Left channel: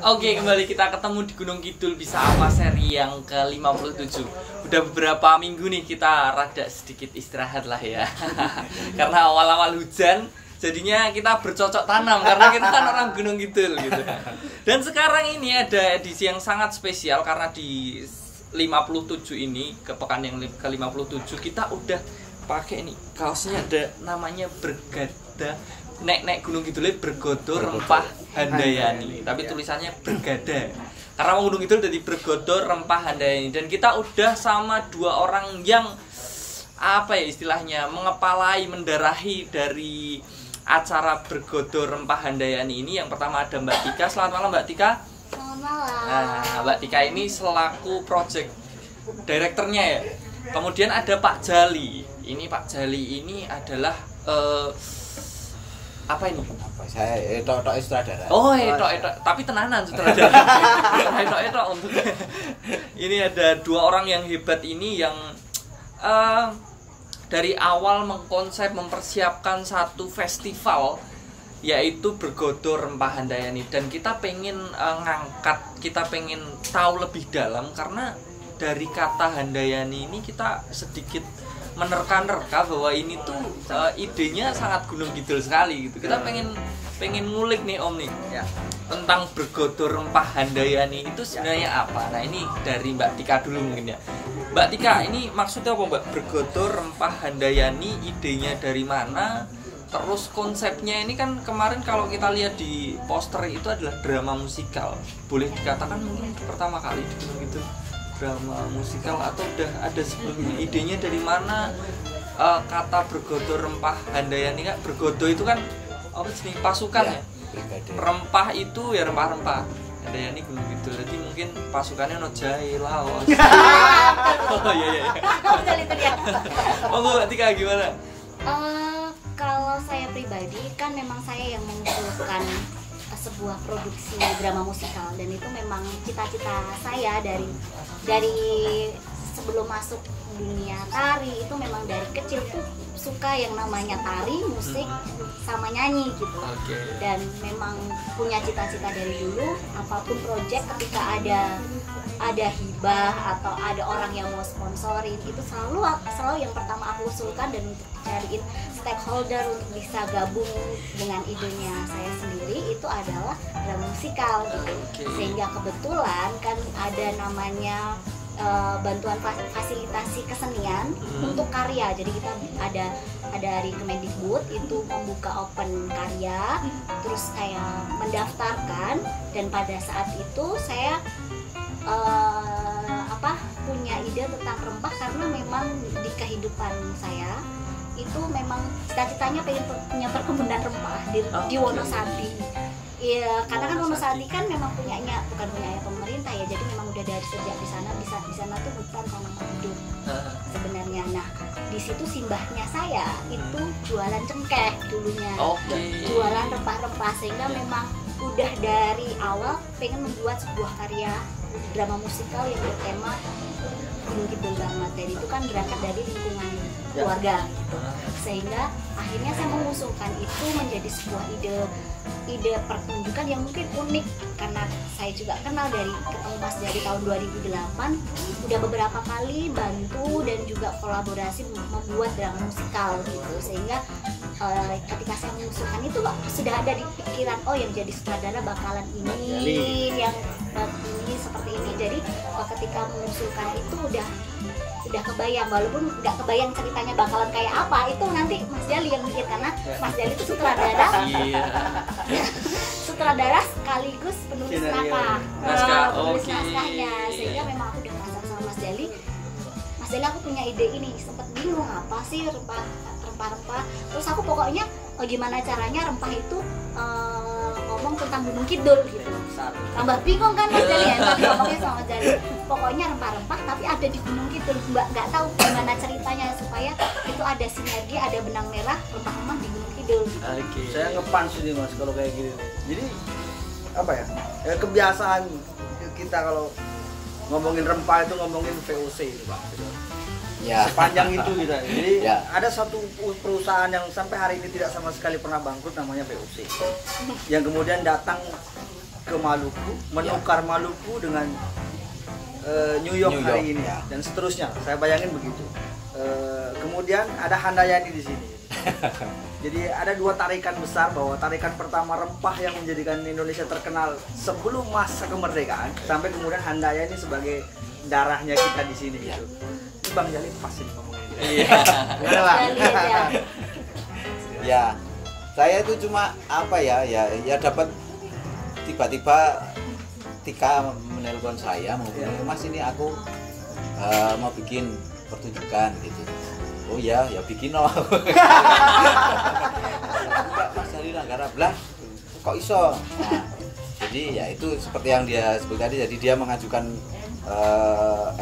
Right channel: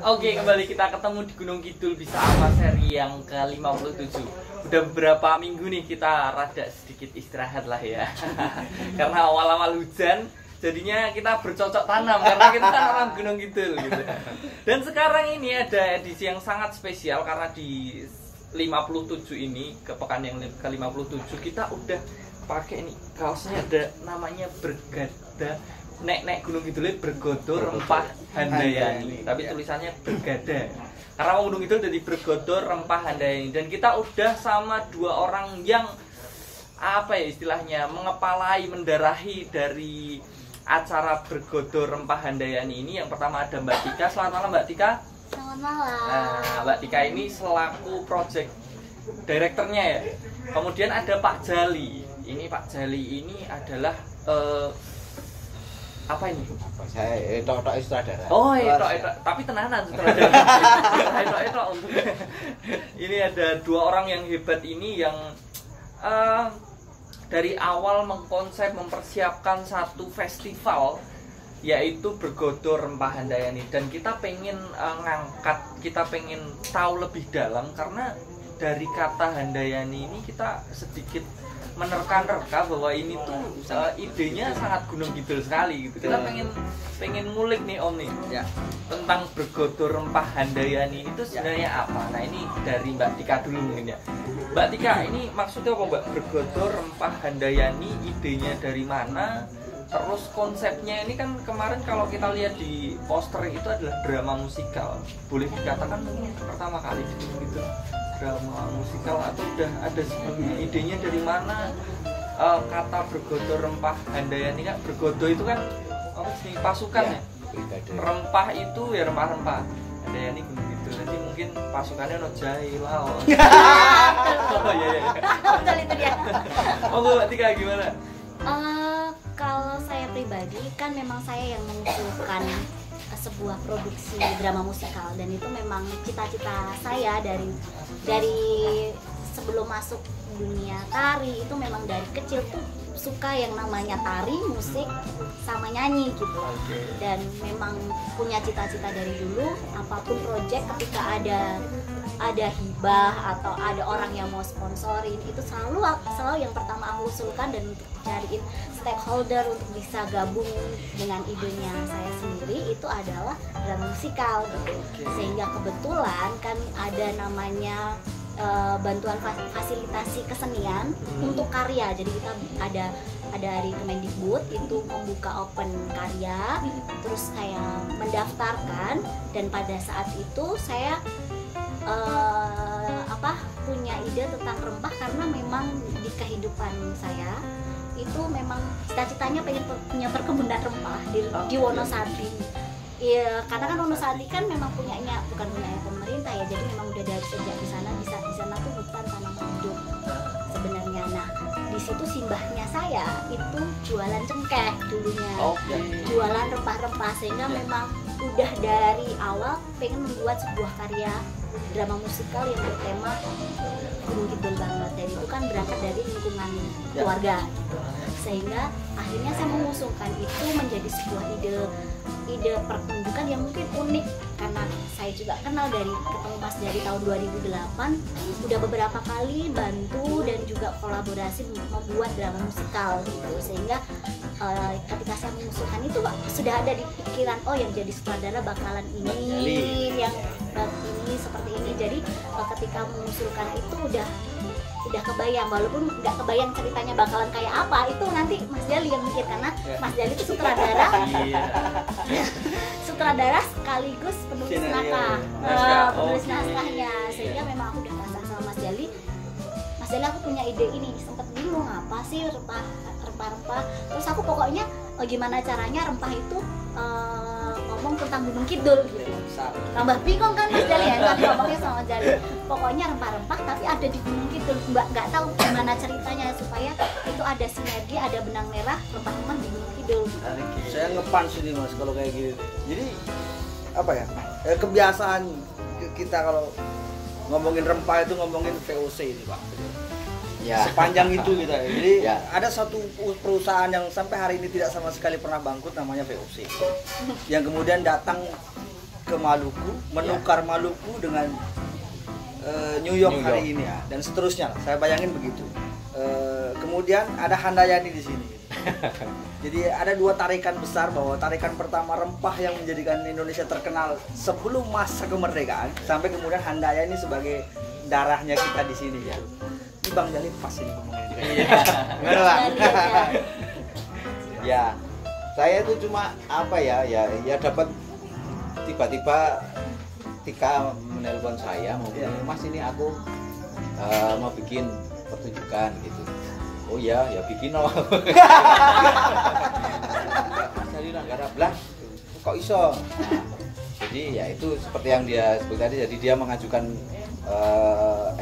Oke, kembali kita ketemu di Gunung Kidul Bisa Apa seri yang ke-57. Udah beberapa minggu nih kita rada sedikit istirahat lah ya. Karena awal-awal hujan, jadinya kita bercocok tanam karena kita kan orang Gunung Kidul gitu. Dan sekarang ini ada edisi yang sangat spesial karena di 57 ini, ke pekan yang ke-57 kita udah pakai nih kaosnya ada namanya Bergada. Nek Gunung Kidul Bergodo Rempah Handayani, tapi tulisannya Bergada. Karena Gunung Kidul jadi Bergodo Rempah Handayani, dan kita udah sama dua orang yang apa ya istilahnya mengepalai, mendarahi dari acara Bergodo Rempah Handayani ini. Yang pertama ada Mbak Tika. Selamat malam Mbak Tika. Selamat malam. Nah, Mbak Tika ini selaku project direkturnya ya. Kemudian ada Pak Jali. Ini Pak Jali ini adalah apa ini? Apa saya tok sutradara. Oh, tok tapi tenanan sutradara. Tok untuk. Ini ada dua orang yang hebat ini yang dari awal mengkonsep mempersiapkan satu festival yaitu Bergodo Rempah Handayani, dan kita pengen kita pengen tahu lebih dalam karena dari kata Handayani ini kita sedikit menerka-nerka bahwa ini tuh idenya sangat Gunung Kidul sekali gitu. Kita pengen ngulik nih Om nih ya, tentang Bergodo Rempah Handayani itu sebenarnya apa. Nah ini dari Mbak Tika dulu mungkin ya. Mbak Tika, ini maksudnya apa Mbak? Bergodo Rempah Handayani idenya dari mana? Terus konsepnya ini kan kemarin kalau kita lihat di poster itu adalah drama musikal. Boleh dikatakan mungkin pertama kali di Gunung Kidul drama musikal, atau udah ada sebelumnya? Idenya dari mana? Kata Bergodo Rempah Handayani kan, Bergodo itu kan jenis pasukan ya, rempah itu ya rempah-rempah. Handayani Gunung Kidul, jadi mungkin pasukannya no jahe, laos. Oh iya. Betul itu dia. Oh Mbak Tika gimana? Kalau saya pribadi kan memang saya yang mengusulkan sebuah produksi drama musikal, dan itu memang cita-cita saya dari sebelum masuk dunia tari. Itu memang dari kecil tuh suka yang namanya tari, musik, sama nyanyi gitu. Dan memang punya cita-cita dari dulu, apapun project ketika ada hibah atau ada orang yang mau sponsorin, itu selalu yang pertama aku usulkan dan cariin stakeholder untuk bisa gabung dengan idenya saya sendiri, itu adalah drama musikal gitu. Sehingga kebetulan kan ada namanya bantuan fasilitasi kesenian untuk karya. Jadi kita ada dari Kemendikbud itu membuka open karya, terus saya mendaftarkan, dan pada saat itu saya punya ide tentang rempah karena memang di kehidupan saya itu memang cita-citanya pengen punya perkebunan rempah di Wonosari. Iya, karena kan Wonosari kan memang bukan punya pemerintah ya, jadi memang udah dari sejak di sana di sana tuh hutan tanaman hidup sebenarnya. Nah, di situ simbahnya saya itu jualan cengkeh dulunya, jualan rempah-rempah, sehingga memang udah dari awal pengen membuat sebuah karya drama musikal yang bertema Gunung Kidul banget. Jadi itu kan berangkat dari lingkungan keluarga gitu. Sehingga akhirnya saya mengusulkan itu menjadi sebuah ide pertunjukan yang mungkin unik, karena saya juga kenal ketemu Mas dari tahun 2008, udah beberapa kali bantu dan juga kolaborasi membuat drama musikal gitu. Sehingga ketika saya mengusulkan itu sudah ada di pikiran, oh yang jadi sutradara bakalan ini, yang ini seperti ini. Jadi ketika mengusulkan itu udah kebayang, walaupun nggak kebayang ceritanya bakalan kayak apa, itu nanti Mas Jali yang mikir, karena Mas Jali itu sutradara sutradara sekaligus penulis naskahnya. Sehingga memang aku udah pasang sama Mas Jali, aku punya ide ini, sempet bingung apa sih rempah-rempah. Terus aku pokoknya gimana caranya rempah itu ngomong tentang Gunung Kidul gitu. Tambah bingung kan Mas Jali ya, ngomongnya sama Mas Jali. Pokoknya rempah-rempah tapi ada di Gunung Kidul. Nggak tahu gimana ceritanya supaya itu ada sinergi, ada benang merah rempah-rempah di Gunung Kidul. Saya ngepan sih Mas kalau kayak gitu. Jadi apa ya? Kebiasaan kita kalau ngomongin rempah itu ngomongin VOC itu Pak. Ya. Sepanjang itu gitu. Jadi ada satu perusahaan yang sampai hari ini tidak sama sekali pernah bangkrut, namanya VOC. Yang kemudian datang ke Maluku, menukar Maluku dengan New York hari ini dan seterusnya. Saya bayangin begitu. Kemudian ada Handayani di sini. Jadi ada dua tarikan besar, bahwa tarikan pertama rempah yang menjadikan Indonesia terkenal sebelum masa kemerdekaan, sampai kemudian Handayani sebagai darahnya kita di sini. Ya. Ini Bang Jalil pasti ngomongin. Iya. Gimana Bang? Ya, saya itu cuma apa ya dapat tiba-tiba Tika menelpon saya, Mas ini aku mau bikin pertunjukan gitu. Oh ya bikin loh. Mas dari negara belah kok iso. Nah, jadi ya itu seperti yang dia sebut tadi, jadi dia mengajukan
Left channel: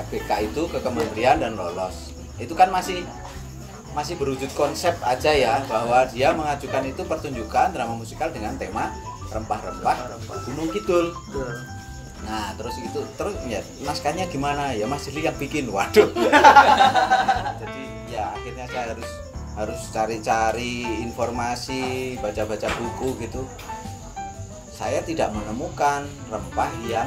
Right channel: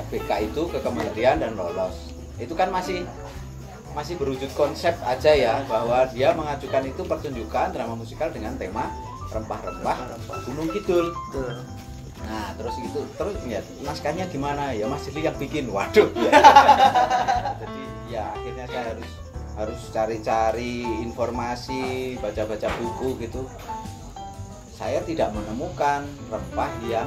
FBK itu ke kementerian dan lolos. Itu kan masih berwujud konsep aja ya, bahwa dia mengajukan itu pertunjukan drama musikal dengan tema rempah-rempah Gunung Kidul. Nah terus ya naskahnya gimana ya, Mas Jili yang bikin. Waduh. Jadi ya akhirnya saya harus cari-cari informasi, baca-baca buku gitu. Saya tidak menemukan rempah yang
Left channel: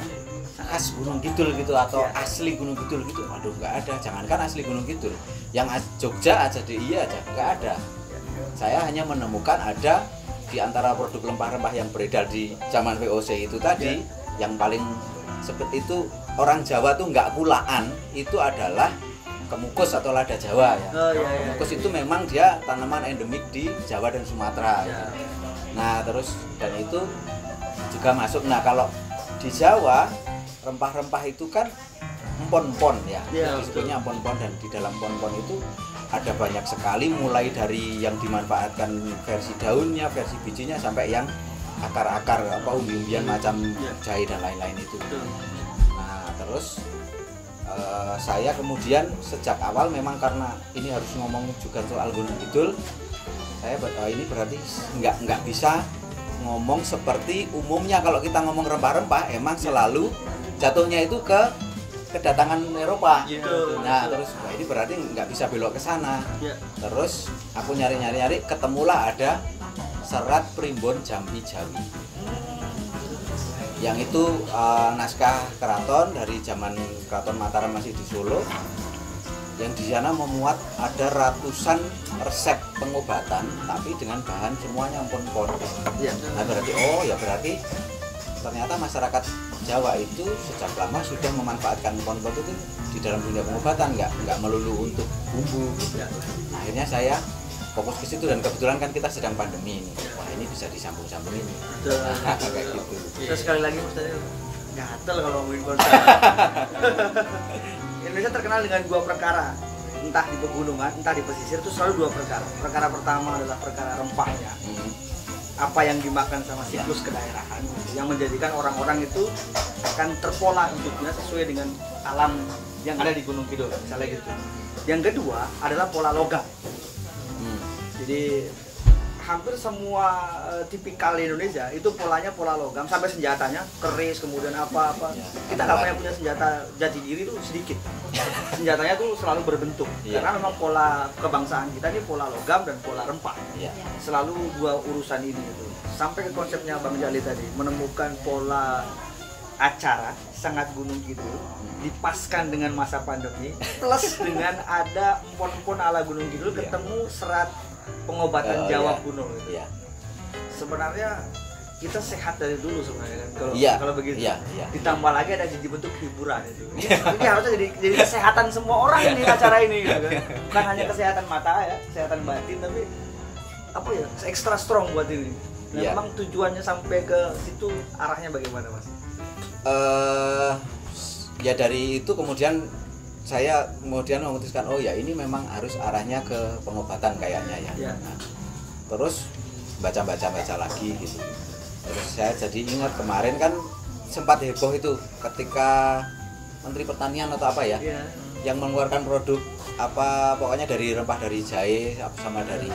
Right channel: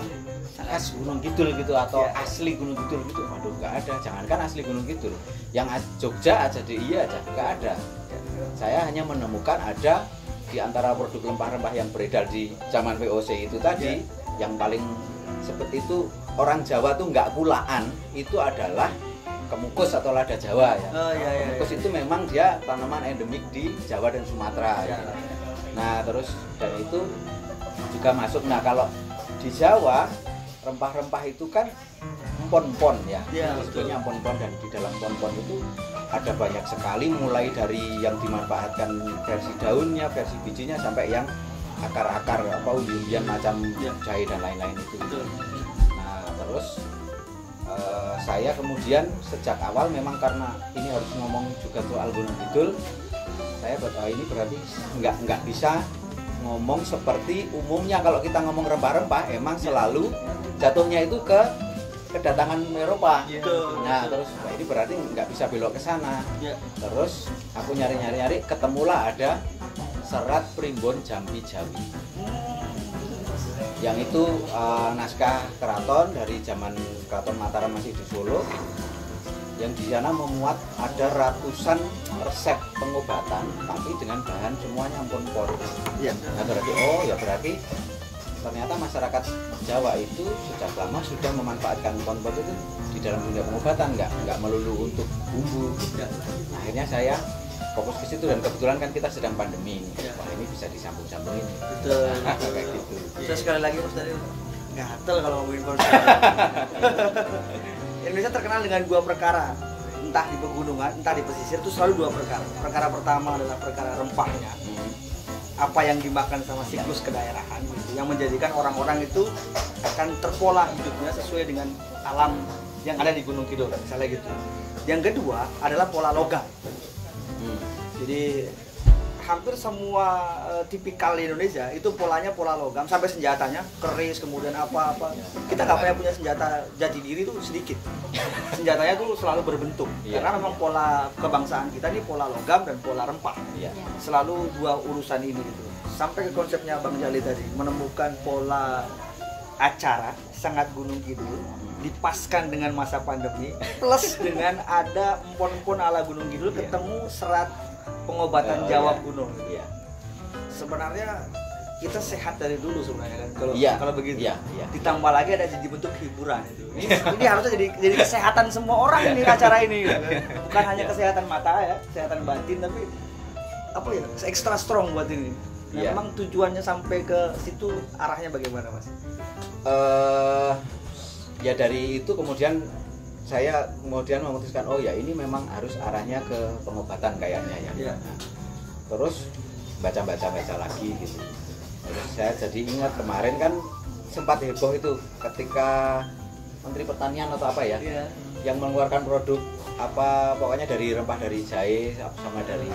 khas Gunung Kidul gitu atau asli Gunung Kidul gitu. Waduh, nggak ada. Jangankan asli Gunung Kidul, yang Jogja aja DIY aja nggak ada. Saya hanya menemukan ada di antara produk rempah-rempah yang beredar di zaman VOC itu tadi, yang paling seperti itu orang Jawa tuh nggak kulaan, itu adalah kemukus atau lada Jawa ya. Kemukus itu memang dia tanaman endemik di Jawa dan Sumatera. Gitu. Nah terus dan itu juga masuk. Nah kalau di Jawa rempah-rempah itu kan empon-empon ya, disebutnya empon-empon, dan di dalam empon-empon itu ada banyak sekali, mulai dari yang dimanfaatkan versi daunnya, versi bijinya, sampai yang akar-akar apa umbi-umbian macam jahe dan lain-lain itu. Nah terus saya kemudian sejak awal memang karena ini harus ngomong juga soal Gunung Kidul, saya ini berarti nggak bisa ngomong seperti umumnya. Kalau kita ngomong rempah-rempah emang selalu jatuhnya itu ke kedatangan Eropa. Nah terus ini berarti nggak bisa belok ke sana. Terus aku nyari ketemulah ada Serat Primbon Jampi Jawi, yang itu naskah keraton dari zaman Keraton Mataram masih di Solo, yang di sana memuat ada ratusan resep pengobatan tapi dengan bahan semuanya empon-empon. Nah berarti ternyata masyarakat Jawa itu sejak lama sudah memanfaatkan empon-empon itu di dalam dunia pengobatan, nggak melulu untuk bumbu. Nah, akhirnya saya fokus ke situ, dan kebetulan kan kita sedang pandemi ini. Wah ini bisa disambung-sambungin nih. Betul. Nah, kayak gitu. Saya sekali lagi tadi gatel kalau ngomongin konsep. Indonesia terkenal dengan dua perkara, entah di pegunungan, entah di pesisir, itu selalu dua perkara. Perkara pertama adalah perkara rempahnya, apa yang dimakan sama siklus kedaerahan, yang menjadikan orang-orang itu akan terpola hidupnya sesuai dengan alam yang ada di Gunung Kidul, misalnya gitu. Yang kedua adalah pola logam. Jadi hampir semua tipikal di Indonesia itu polanya pola logam, sampai senjatanya keris, kemudian apa-apa. Kita nggak punya senjata jati diri itu sedikit. Senjatanya tuh selalu berbentuk. Karena memang pola kebangsaan kita ini pola logam dan pola rempah. Selalu dua urusan ini gitu. Sampai ke konsepnya Bang Jalil tadi, menemukan pola acara sangat Gunung Kidul, dipaskan dengan masa pandemi, plus dengan ada empon-empon ala Gunung Kidul, ketemu serat pengobatan Jawa Gunung. Sebenarnya kita sehat dari dulu sebenarnya kan, kalau begitu. Ditambah lagi ada jadi bentuk hiburan itu. Ini harusnya jadi kesehatan semua orang nih acara ini gitu kan. Bukan hanya kesehatan mata ya, kesehatan batin, tapi apa ya, ekstra strong buat ini. Nah, memang tujuannya sampai ke situ arahnya bagaimana Mas? Ya dari itu kemudian saya memutuskan ya ini memang harus arahnya ke pengobatan kayaknya ya. Nah, terus baca lagi gitu. Terus saya jadi ingat kemarin kan sempat heboh itu ketika Menteri Pertanian atau apa ya, yang mengeluarkan produk apa pokoknya dari rempah, dari jahe sama dari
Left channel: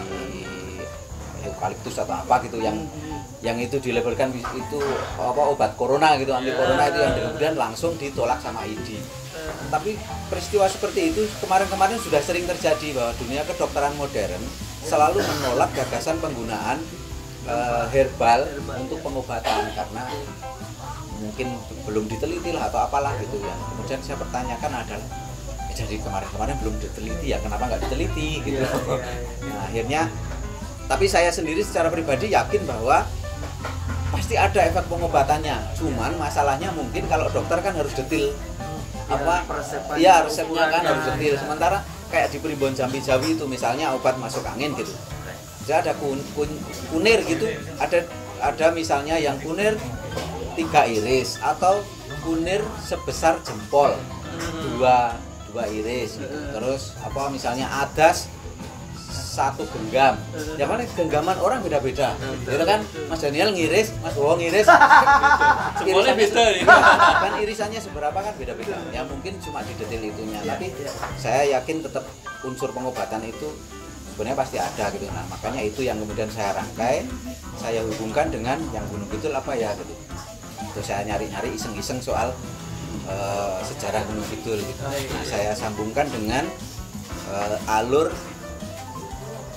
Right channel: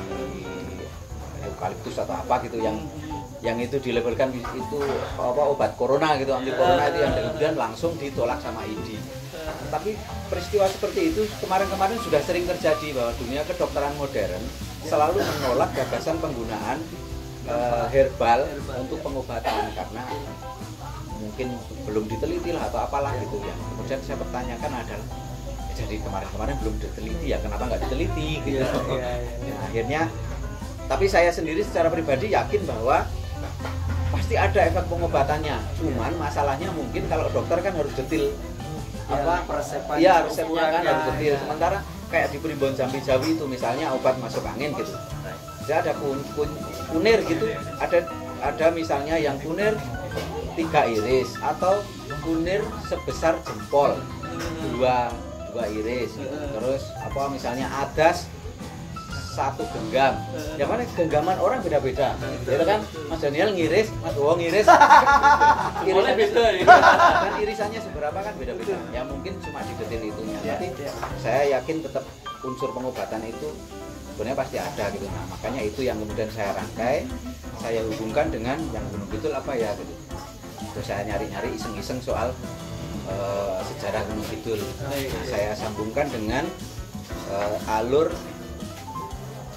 eukaliptus atau apa gitu, yang itu dilabelkan itu apa obat corona gitu, anti corona itu, yang kemudian langsung ditolak sama ID. Tapi peristiwa seperti itu kemarin-kemarin sudah sering terjadi, bahwa dunia kedokteran modern selalu menolak gagasan penggunaan herbal untuk pengobatan, karena mungkin belum diteliti lah atau apalah gitu ya. Kemudian saya pertanyakan adalah jadi kemarin-kemarin belum diteliti ya, kenapa nggak diteliti gitu. Nah, akhirnya tapi saya sendiri secara pribadi yakin bahwa pasti ada efek pengobatannya. Cuman masalahnya mungkin kalau dokter kan harus detil ya resepnya kan harus detil. Sementara kayak di Primbon Jambi Jawi itu misalnya obat masuk angin gitu. Jadi ada kunir gitu, ada misalnya yang kunir 3 iris atau kunir sebesar jempol 2 iris gitu. Terus apa misalnya adas 1 genggam. Ya kan genggaman orang beda-beda. Gitu kan Mas Daniel ngiris, Mas Bowo ngiris. Jempolnya beda ya. Kan irisannya seberapa kan beda-beda. Ya mungkin cuma di detail itunya. Tapi saya yakin tetap unsur pengobatan itu sebenarnya pasti ada gitu. Nah, makanya itu yang kemudian saya rangkai, saya hubungkan dengan yang Gunung Kidul apa ya gitu. Terus saya nyari-nyari iseng-iseng soal sejarah Gunung Kidul gitu. Nah, saya sambungkan dengan alur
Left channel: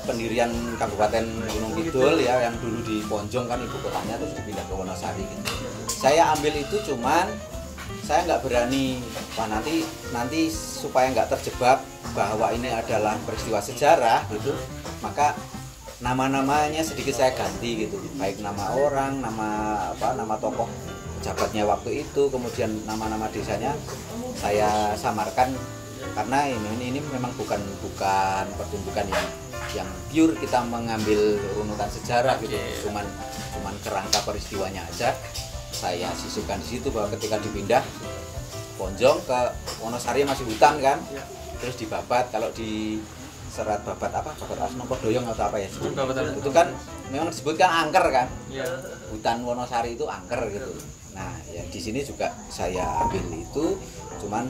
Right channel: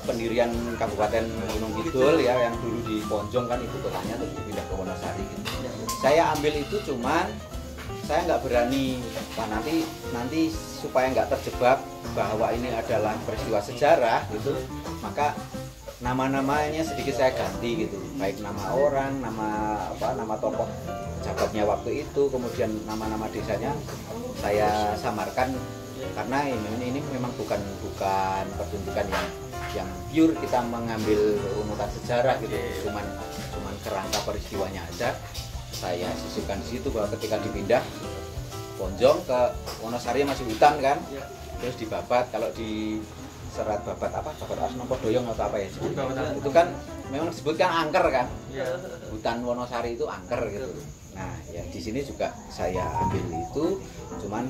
pendirian Kabupaten Gunung Kidul ya, yang dulu di Ponjong kan ibu kotanya terus dipindah ke Wonosari gitu. Saya ambil itu, cuman saya nggak berani nanti supaya nggak terjebak bahwa ini adalah peristiwa sejarah gitu, maka nama-namanya sedikit saya ganti gitu, baik nama orang, nama tokoh pejabatnya waktu itu, kemudian nama-nama desanya saya samarkan karena ini memang bukan pertunjukan yang pure kita mengambil runutan sejarah gitu, cuman kerangka peristiwanya aja saya sisipkan di situ bahwa ketika dipindah Ponjong ke Wonosari masih hutan kan, terus dibabat, kalau di serat babat Asnopo Doyong atau apa ya itu kan memang disebutkan angker kan, hutan Wonosari itu angker gitu. Nah ya di sini juga saya ambil itu, cuman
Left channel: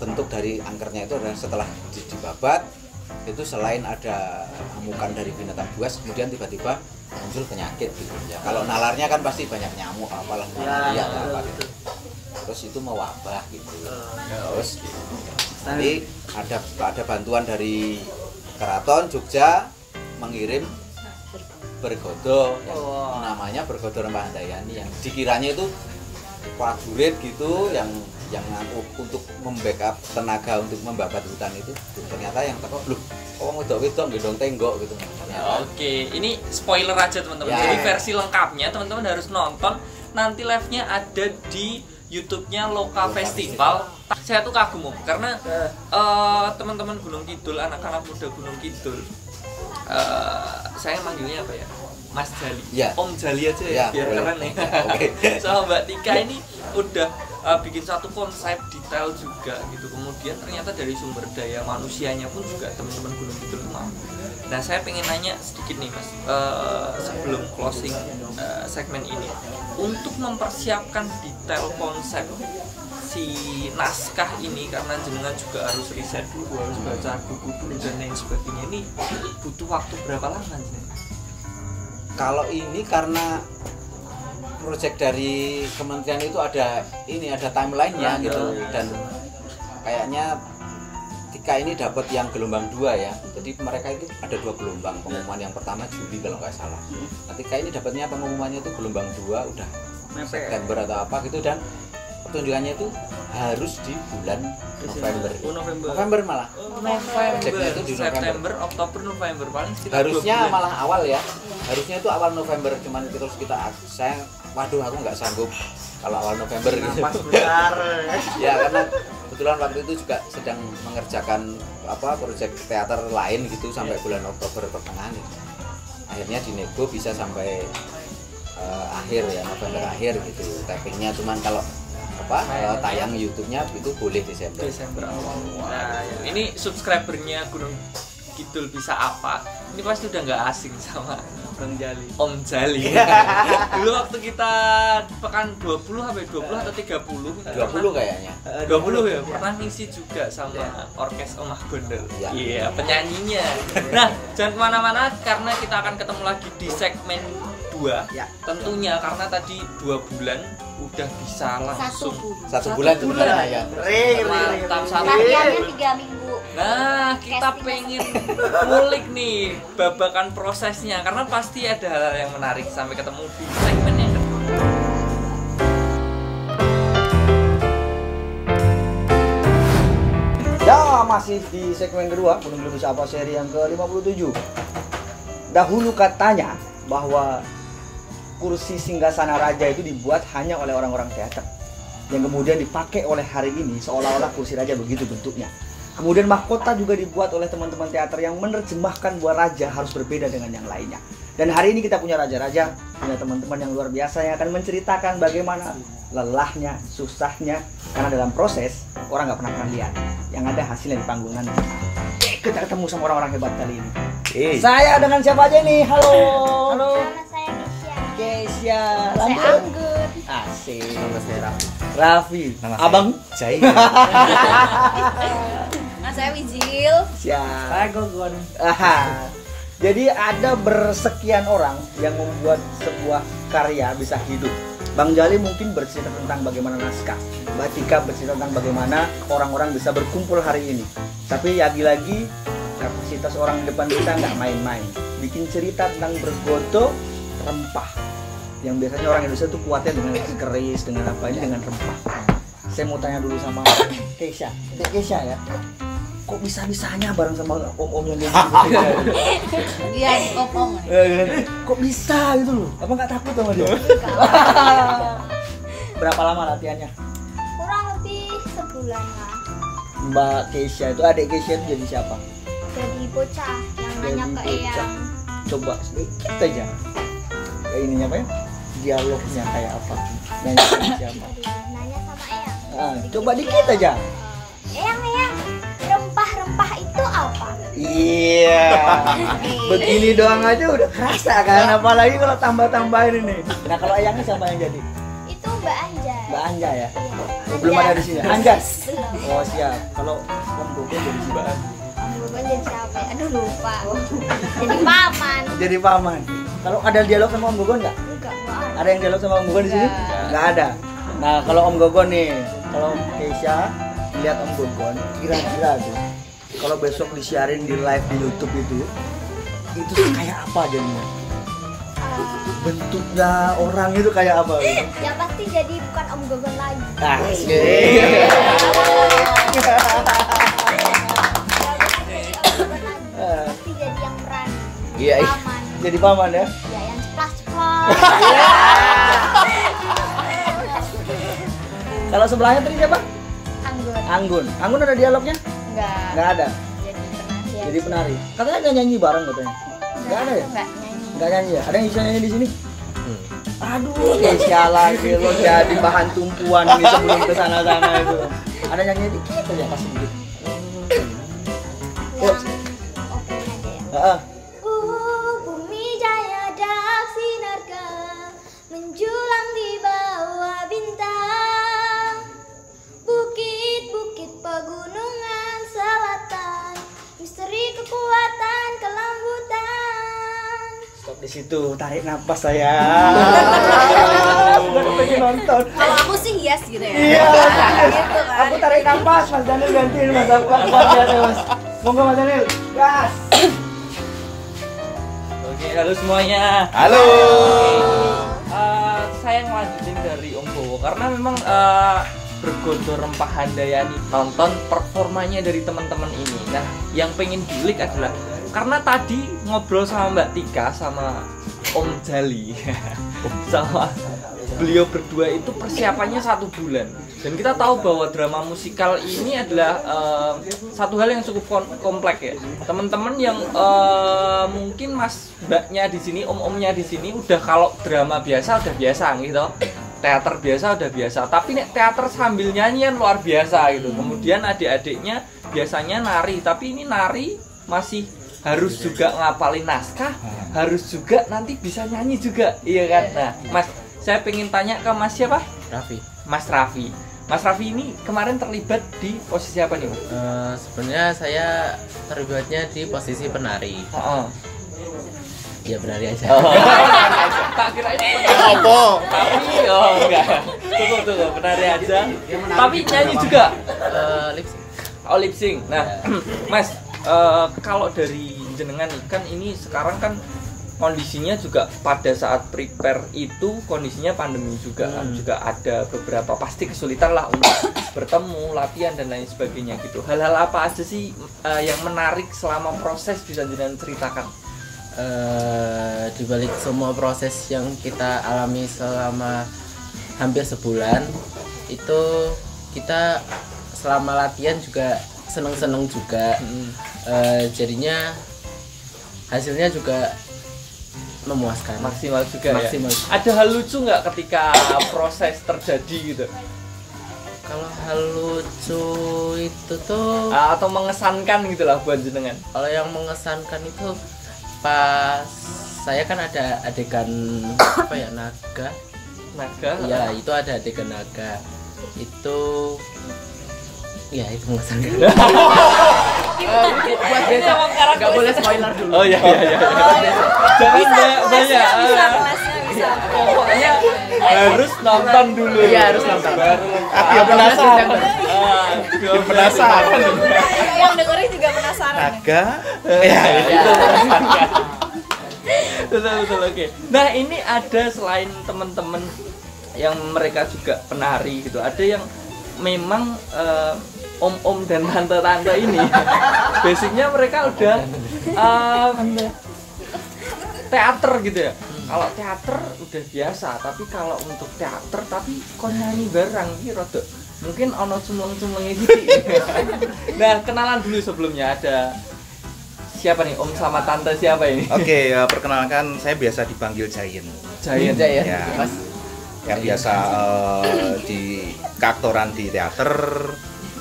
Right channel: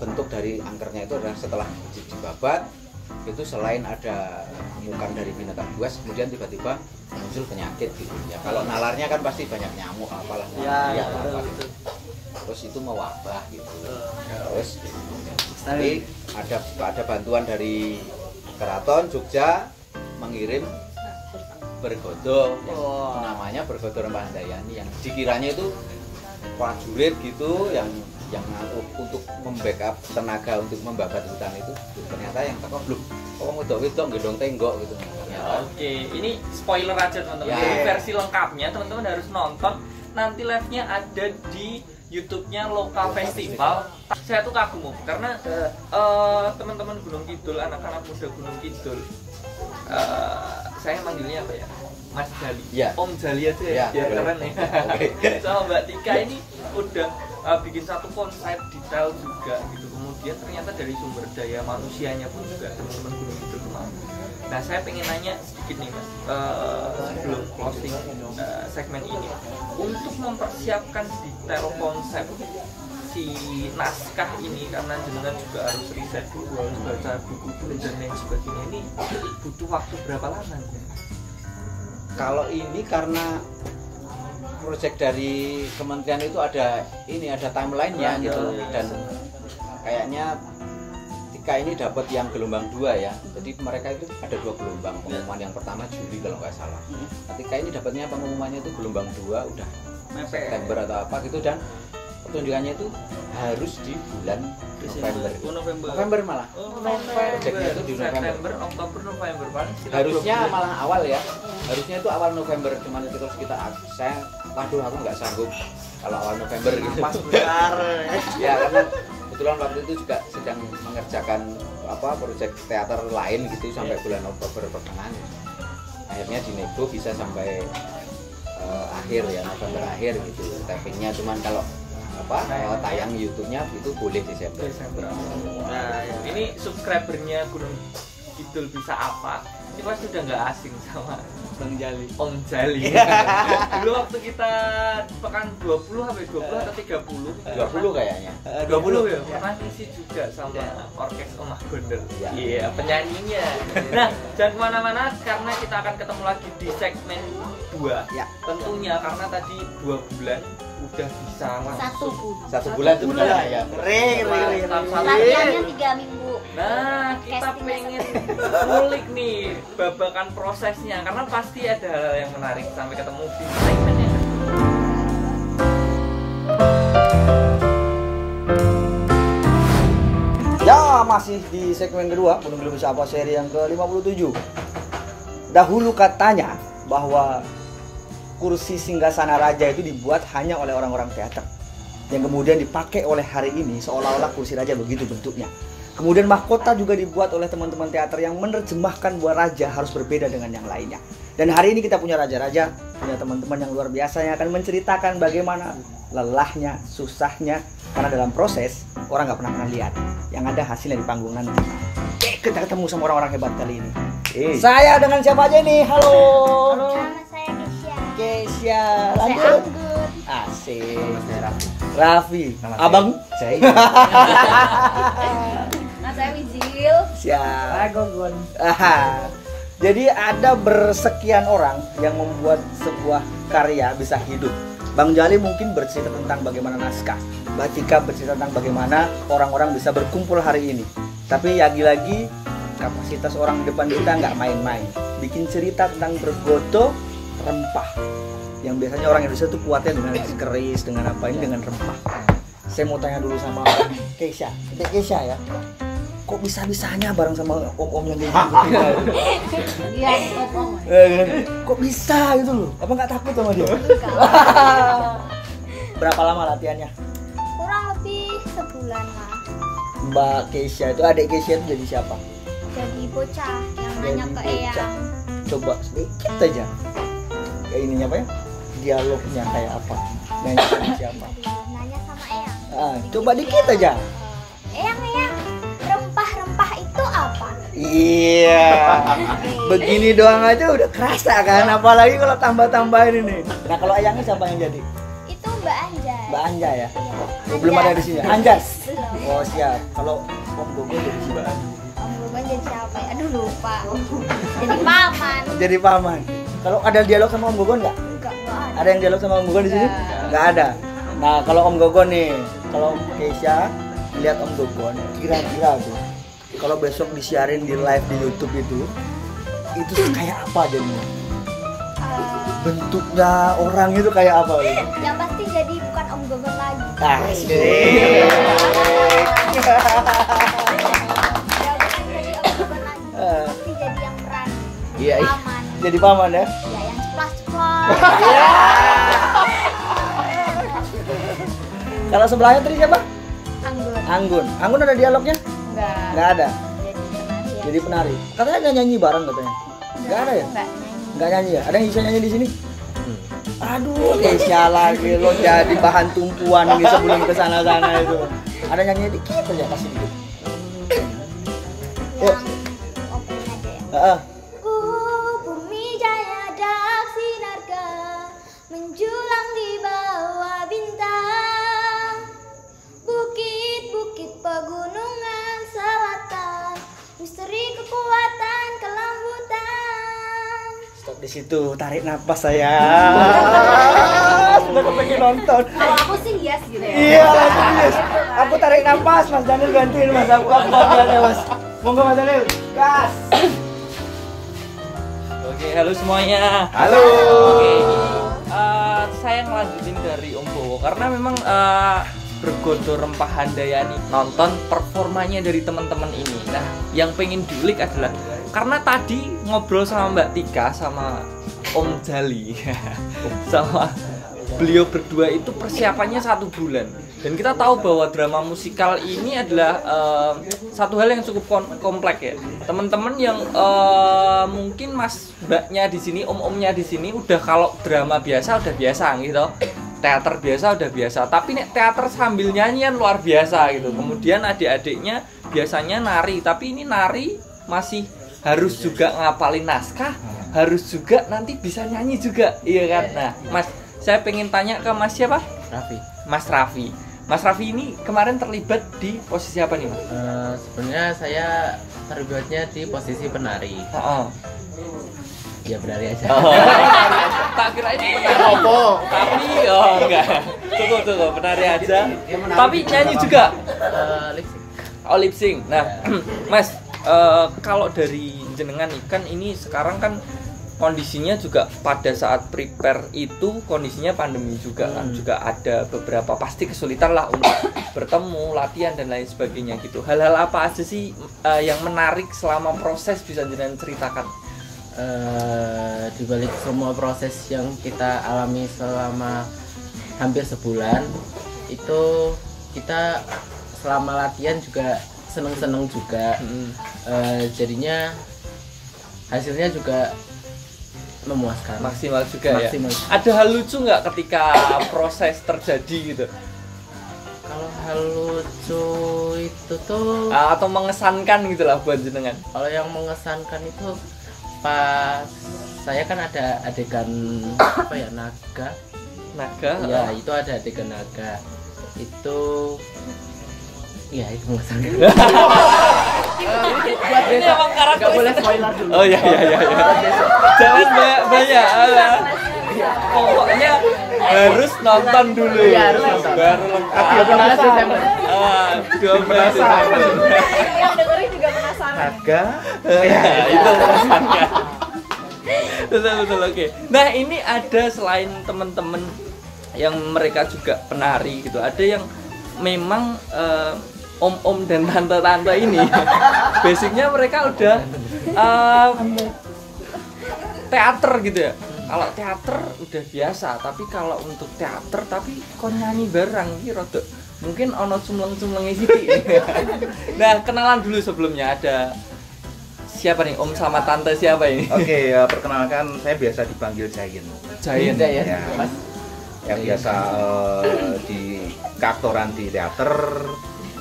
bentuk dari angkernya itu adalah setelah dibabat itu selain ada amukan dari binatang buas, kemudian tiba-tiba muncul penyakit gitu ya. Kalau nalarnya kan pasti banyak nyamuk apalah apa gitu. Terus itu mewabah gitu. Terus nanti ada bantuan dari Keraton Jogja mengirim bergodo yang namanya bergodo Rempah Handayani, yang dikiranya itu prajurit gitu yang untuk membackup tenaga untuk membabat hutan itu. Ternyata yang teko bluk wedok-wedok gendong tenggok gitu. Oke, ini spoiler aja teman-teman. Jadi versi lengkapnya teman-teman harus nonton. Nanti live-nya ada di YouTube-nya Loka Festival. Saya tuh kagum karena teman-teman Gunung Kidul, anak-anak muda Gunung Kidul, saya manggilnya apa ya? Mas Jali, Om Jali aja ya, biar keren nih. Sama Mbak Tika ini udah bikin satu konsep detail juga gitu. Kemudian ternyata dari sumber daya manusianya pun juga teman-teman Gunung Kidul mau. Nah saya pengen nanya sedikit nih Mas, sebelum closing segmen ini, untuk mempersiapkan detail konsep si naskah ini, karena jenengan juga harus riset dulu, harus baca buku dan lain sebagainya, ini butuh waktu berapa lama sih? Kalau ini karena proyek dari kementerian itu ada timeline-nya gitu, dan kayaknya Tika ini dapat yang gelombang 2 ya. Jadi mereka itu ada 2 gelombang. Pengumuman yang pertama Juli kalau nggak salah. Tika ini dapatnya pengumumannya itu gelombang 2 udah September atau apa gitu, dan pertunjukannya itu harus di bulan November malah. Proyeknya itu di September, Oktober, November paling harusnya malah awal ya. Harusnya itu awal November, cuman itu terus waduh aku nggak sanggup kalau awal November gitu. Ya karena kebetulan waktu itu juga sedang mengerjakan proyek teater lain gitu sampai bulan Oktober pertengahan. Akhirnya dinego bisa sampai akhir ya, November akhir gitu tapingnya. Cuman kalau tayang YouTube-nya itu boleh Desember. Nah, ini subscribernya Gunung Kidul bisa apa? Ini pasti udah nggak asing sama Om Jali. Dulu waktu kita pekan 20 atau 30? 20 kayaknya. 20 ya. Pernah ngisi juga sama orkes Omah Gondel. Iya, penyanyinya. Nah, jangan kemana-mana karena kita akan ketemu lagi di segmen 2. Tentunya karena tadi 2 bulan udah bisa langsung 1 bulan sebenarnya ya. Latihannya 3 minggu. Nah, kita pengen ngulik nih babakan prosesnya karena pasti ada hal-hal yang menarik. Sampai ketemu di segmen yang kedua. masih di segmen kedua Gunung Gili Bersapa seri yang ke-57. Dahulu katanya bahwa kursi singgasana raja itu dibuat hanya oleh orang-orang teater, yang kemudian dipakai oleh hari ini seolah-olah kursi raja begitu bentuknya. Kemudian mahkota juga dibuat oleh teman-teman teater yang menerjemahkan bahwa raja harus berbeda dengan yang lainnya. Dan hari ini kita punya raja-raja, punya teman-teman yang luar biasa yang akan menceritakan bagaimana lelahnya, susahnya, karena dalam proses orang nggak pernah lihat, yang ada hasilnya di panggung nanti. Kita ketemu sama orang-orang hebat kali ini. Saya dengan siapa aja nih? Halo. Nama saya Keisha. Saya Anggun. Asik. Nama saya Raffi. Raffi. Nama saya Abang. Jai. Nah, saya Wijil. Siap. Saya Gogon. Jadi ada bersekian orang yang membuat sebuah karya bisa hidup. Bang Jali mungkin bercerita tentang bagaimana naskah, Mbak Tika bercerita tentang bagaimana orang-orang bisa berkumpul hari ini. Tapi lagi-lagi kapasitas orang di depan kita nggak main-main. Bikin cerita tentang bergoto rempah. Yang biasanya orang Indonesia tuh kuatnya dengan keris, dengan apa ini, dengan rempah. Saya mau tanya dulu sama Keisha. Keisha ya, kok bisa-bisanya bareng sama om-om yang gitu? Iya, ngomong. Kok bisa gitu loh? Apa nggak takut sama dia? Berapa lama latihannya? Kurang lebih sebulan lah. Mbak Keisha itu, adik Keisha itu jadi siapa? Jadi bocah yang nanya ke Jadi bocah. Eyang. Coba sedikit aja. Kayak ininya apa ya? Dialognya kayak apa? Nanya sama siapa? Nanya sama Eyang. Coba dikit aja. Eyang, rempah-rempah itu apa? Iya. Begini doang aja udah kerasa kan, apalagi kalau tambah-tambahin ini. Nah, kalau Eyangnya siapa yang jadi? Itu Mbak Anjar. Mbak Anja ya? Iya. Oh, belum ada di sini. Anjar. Belum. Oh, siap. Kalau Om Gogo jadi Mbak Anja. Om Gogon jadi siapa? Aduh, lupa. Jadi paman. Jadi paman. Kalau ada dialog sama Om Gogon nggak? Enggak ada. Ada yang dialog sama Om Gogon di sini? Nggak ada. Nah, kalau Om Gogon nih, kalau Keisha lihat Om Gogon, kira-kira tuh kalau besok disiarin di live di YouTube itu kayak apa jadinya? Bentuknya orang itu kayak apa? Yang pasti jadi bukan Om Gogon lagi. Asik. Ya, bukan jadi Om Gogon lagi. Pasti jadi yang berani. Iya, iya. Paman. Jadi paman ya? Ya, yang ceplas-ceplas. Kalau sebelahnya tadi siapa? Anggun. Anggun. Anggun ada dialognya? Enggak. Nggak ada. Jadi penari. Jadi penari. Katanya nggak nyanyi bareng katanya. Nggak ada ya? Enggak nyanyi. Nggak nyanyi ya? Ada yang bisa nyanyi di sini? Aduh, Keisha lagi lo jadi bahan tumpuan ini sebelum kesana-sana itu. Ada nyanyi dikit aja kasih dikit. Yang openingnya deh. Heeh. Bumi jaya dak sinarga menjulang di bawah bintang. Bukit-bukit pegunungan selatan, misteri kekuatan kelembutan. Stop di situ, tarik napas saya. Udah kepengen nonton. Kalau aku sih hias gitu ya. Iya, yes. Gitu kan. Aku tarik napas, Mas Daniel gantiin Mas. Aku ganti Mas. Monggo Mas Daniel. Gas. Oke, halo semuanya. Halo. Oke, saya ngelanjutin dari Om Bowo karena memang bergodo rempah handayani, nonton performanya dari teman-teman ini. Nah, yang pengen diulik adalah karena tadi ngobrol sama Mbak Tika sama Om Jali sama beliau berdua itu persiapannya 1 bulan, dan kita tahu bahwa drama musikal ini adalah satu hal yang cukup kompleks ya teman-teman, yang mungkin mas mbaknya di sini, om-omnya di sini udah kalau drama biasa udah biasa gitu, teater biasa udah biasa, tapi nek teater sambil nyanyian luar biasa gitu. Kemudian adik-adiknya biasanya nari, tapi ini nari masih harus juga ngapalin naskah, harus juga nanti bisa nyanyi juga, iya kan? Nah, Mas, saya pengen tanya ke Mas siapa? Raffi. Mas Raffi. Mas Raffi ini kemarin terlibat di posisi apa nih? Sebenarnya saya terlibatnya di posisi penari. Ya penari aja. Tak kira ini tapi enggak. Tunggu, penari aja. Tapi nyanyi juga. Lip sync. Oh, lip sync. Nah, Mas, kalau dari jenengan nih kan ini sekarang kan kondisinya juga pada saat prepare itu kondisinya pandemi juga kan, juga ada beberapa pasti kesulitan lah untuk bertemu, latihan dan lain sebagainya gitu. Hal-hal apa aja sih yang menarik selama proses, bisa jangan ceritakan? Di balik semua proses yang kita alami selama hampir sebulan itu, kita selama latihan juga seneng-seneng juga. Jadinya hasilnya juga memuaskan, Maksimal juga maksimal. ya. Ada hal lucu nggak ketika proses terjadi gitu? Kalau hal lucu itu tuh, Atau mengesankan gitu lah buat jenengan? kalau yang mengesankan itu pas saya kan ada adegan apa ya, naga. Naga? Iya, itu ada adegan naga. Itu ya itu mengesankan. Buat besok nggak boleh spoiler dulu. Oh iya. Jangan banyak. Pokoknya harus nonton dulu. Iya, harus nonton. Baru Aku penasaran. penasaran. Yang dengerin juga penasaran. Naga. Itu mengesankan. Betul, oke. Nah, ini ada selain teman-teman yang mereka juga penari gitu, ada yang memang om-om dan tante-tante ini basicnya mereka udah teater gitu ya. Kalau teater udah biasa, tapi kalau untuk teater tapi kok nyanyi bareng gitu rodok mungkin ono cumleng-cumlengnya gitu. Nah, kenalan dulu sebelumnya. Ada siapa nih, om sama tante siapa ini? Oke, perkenalkan, saya biasa dipanggil Giant. Giant ya. Ya. Yang biasa di keaktoran di teater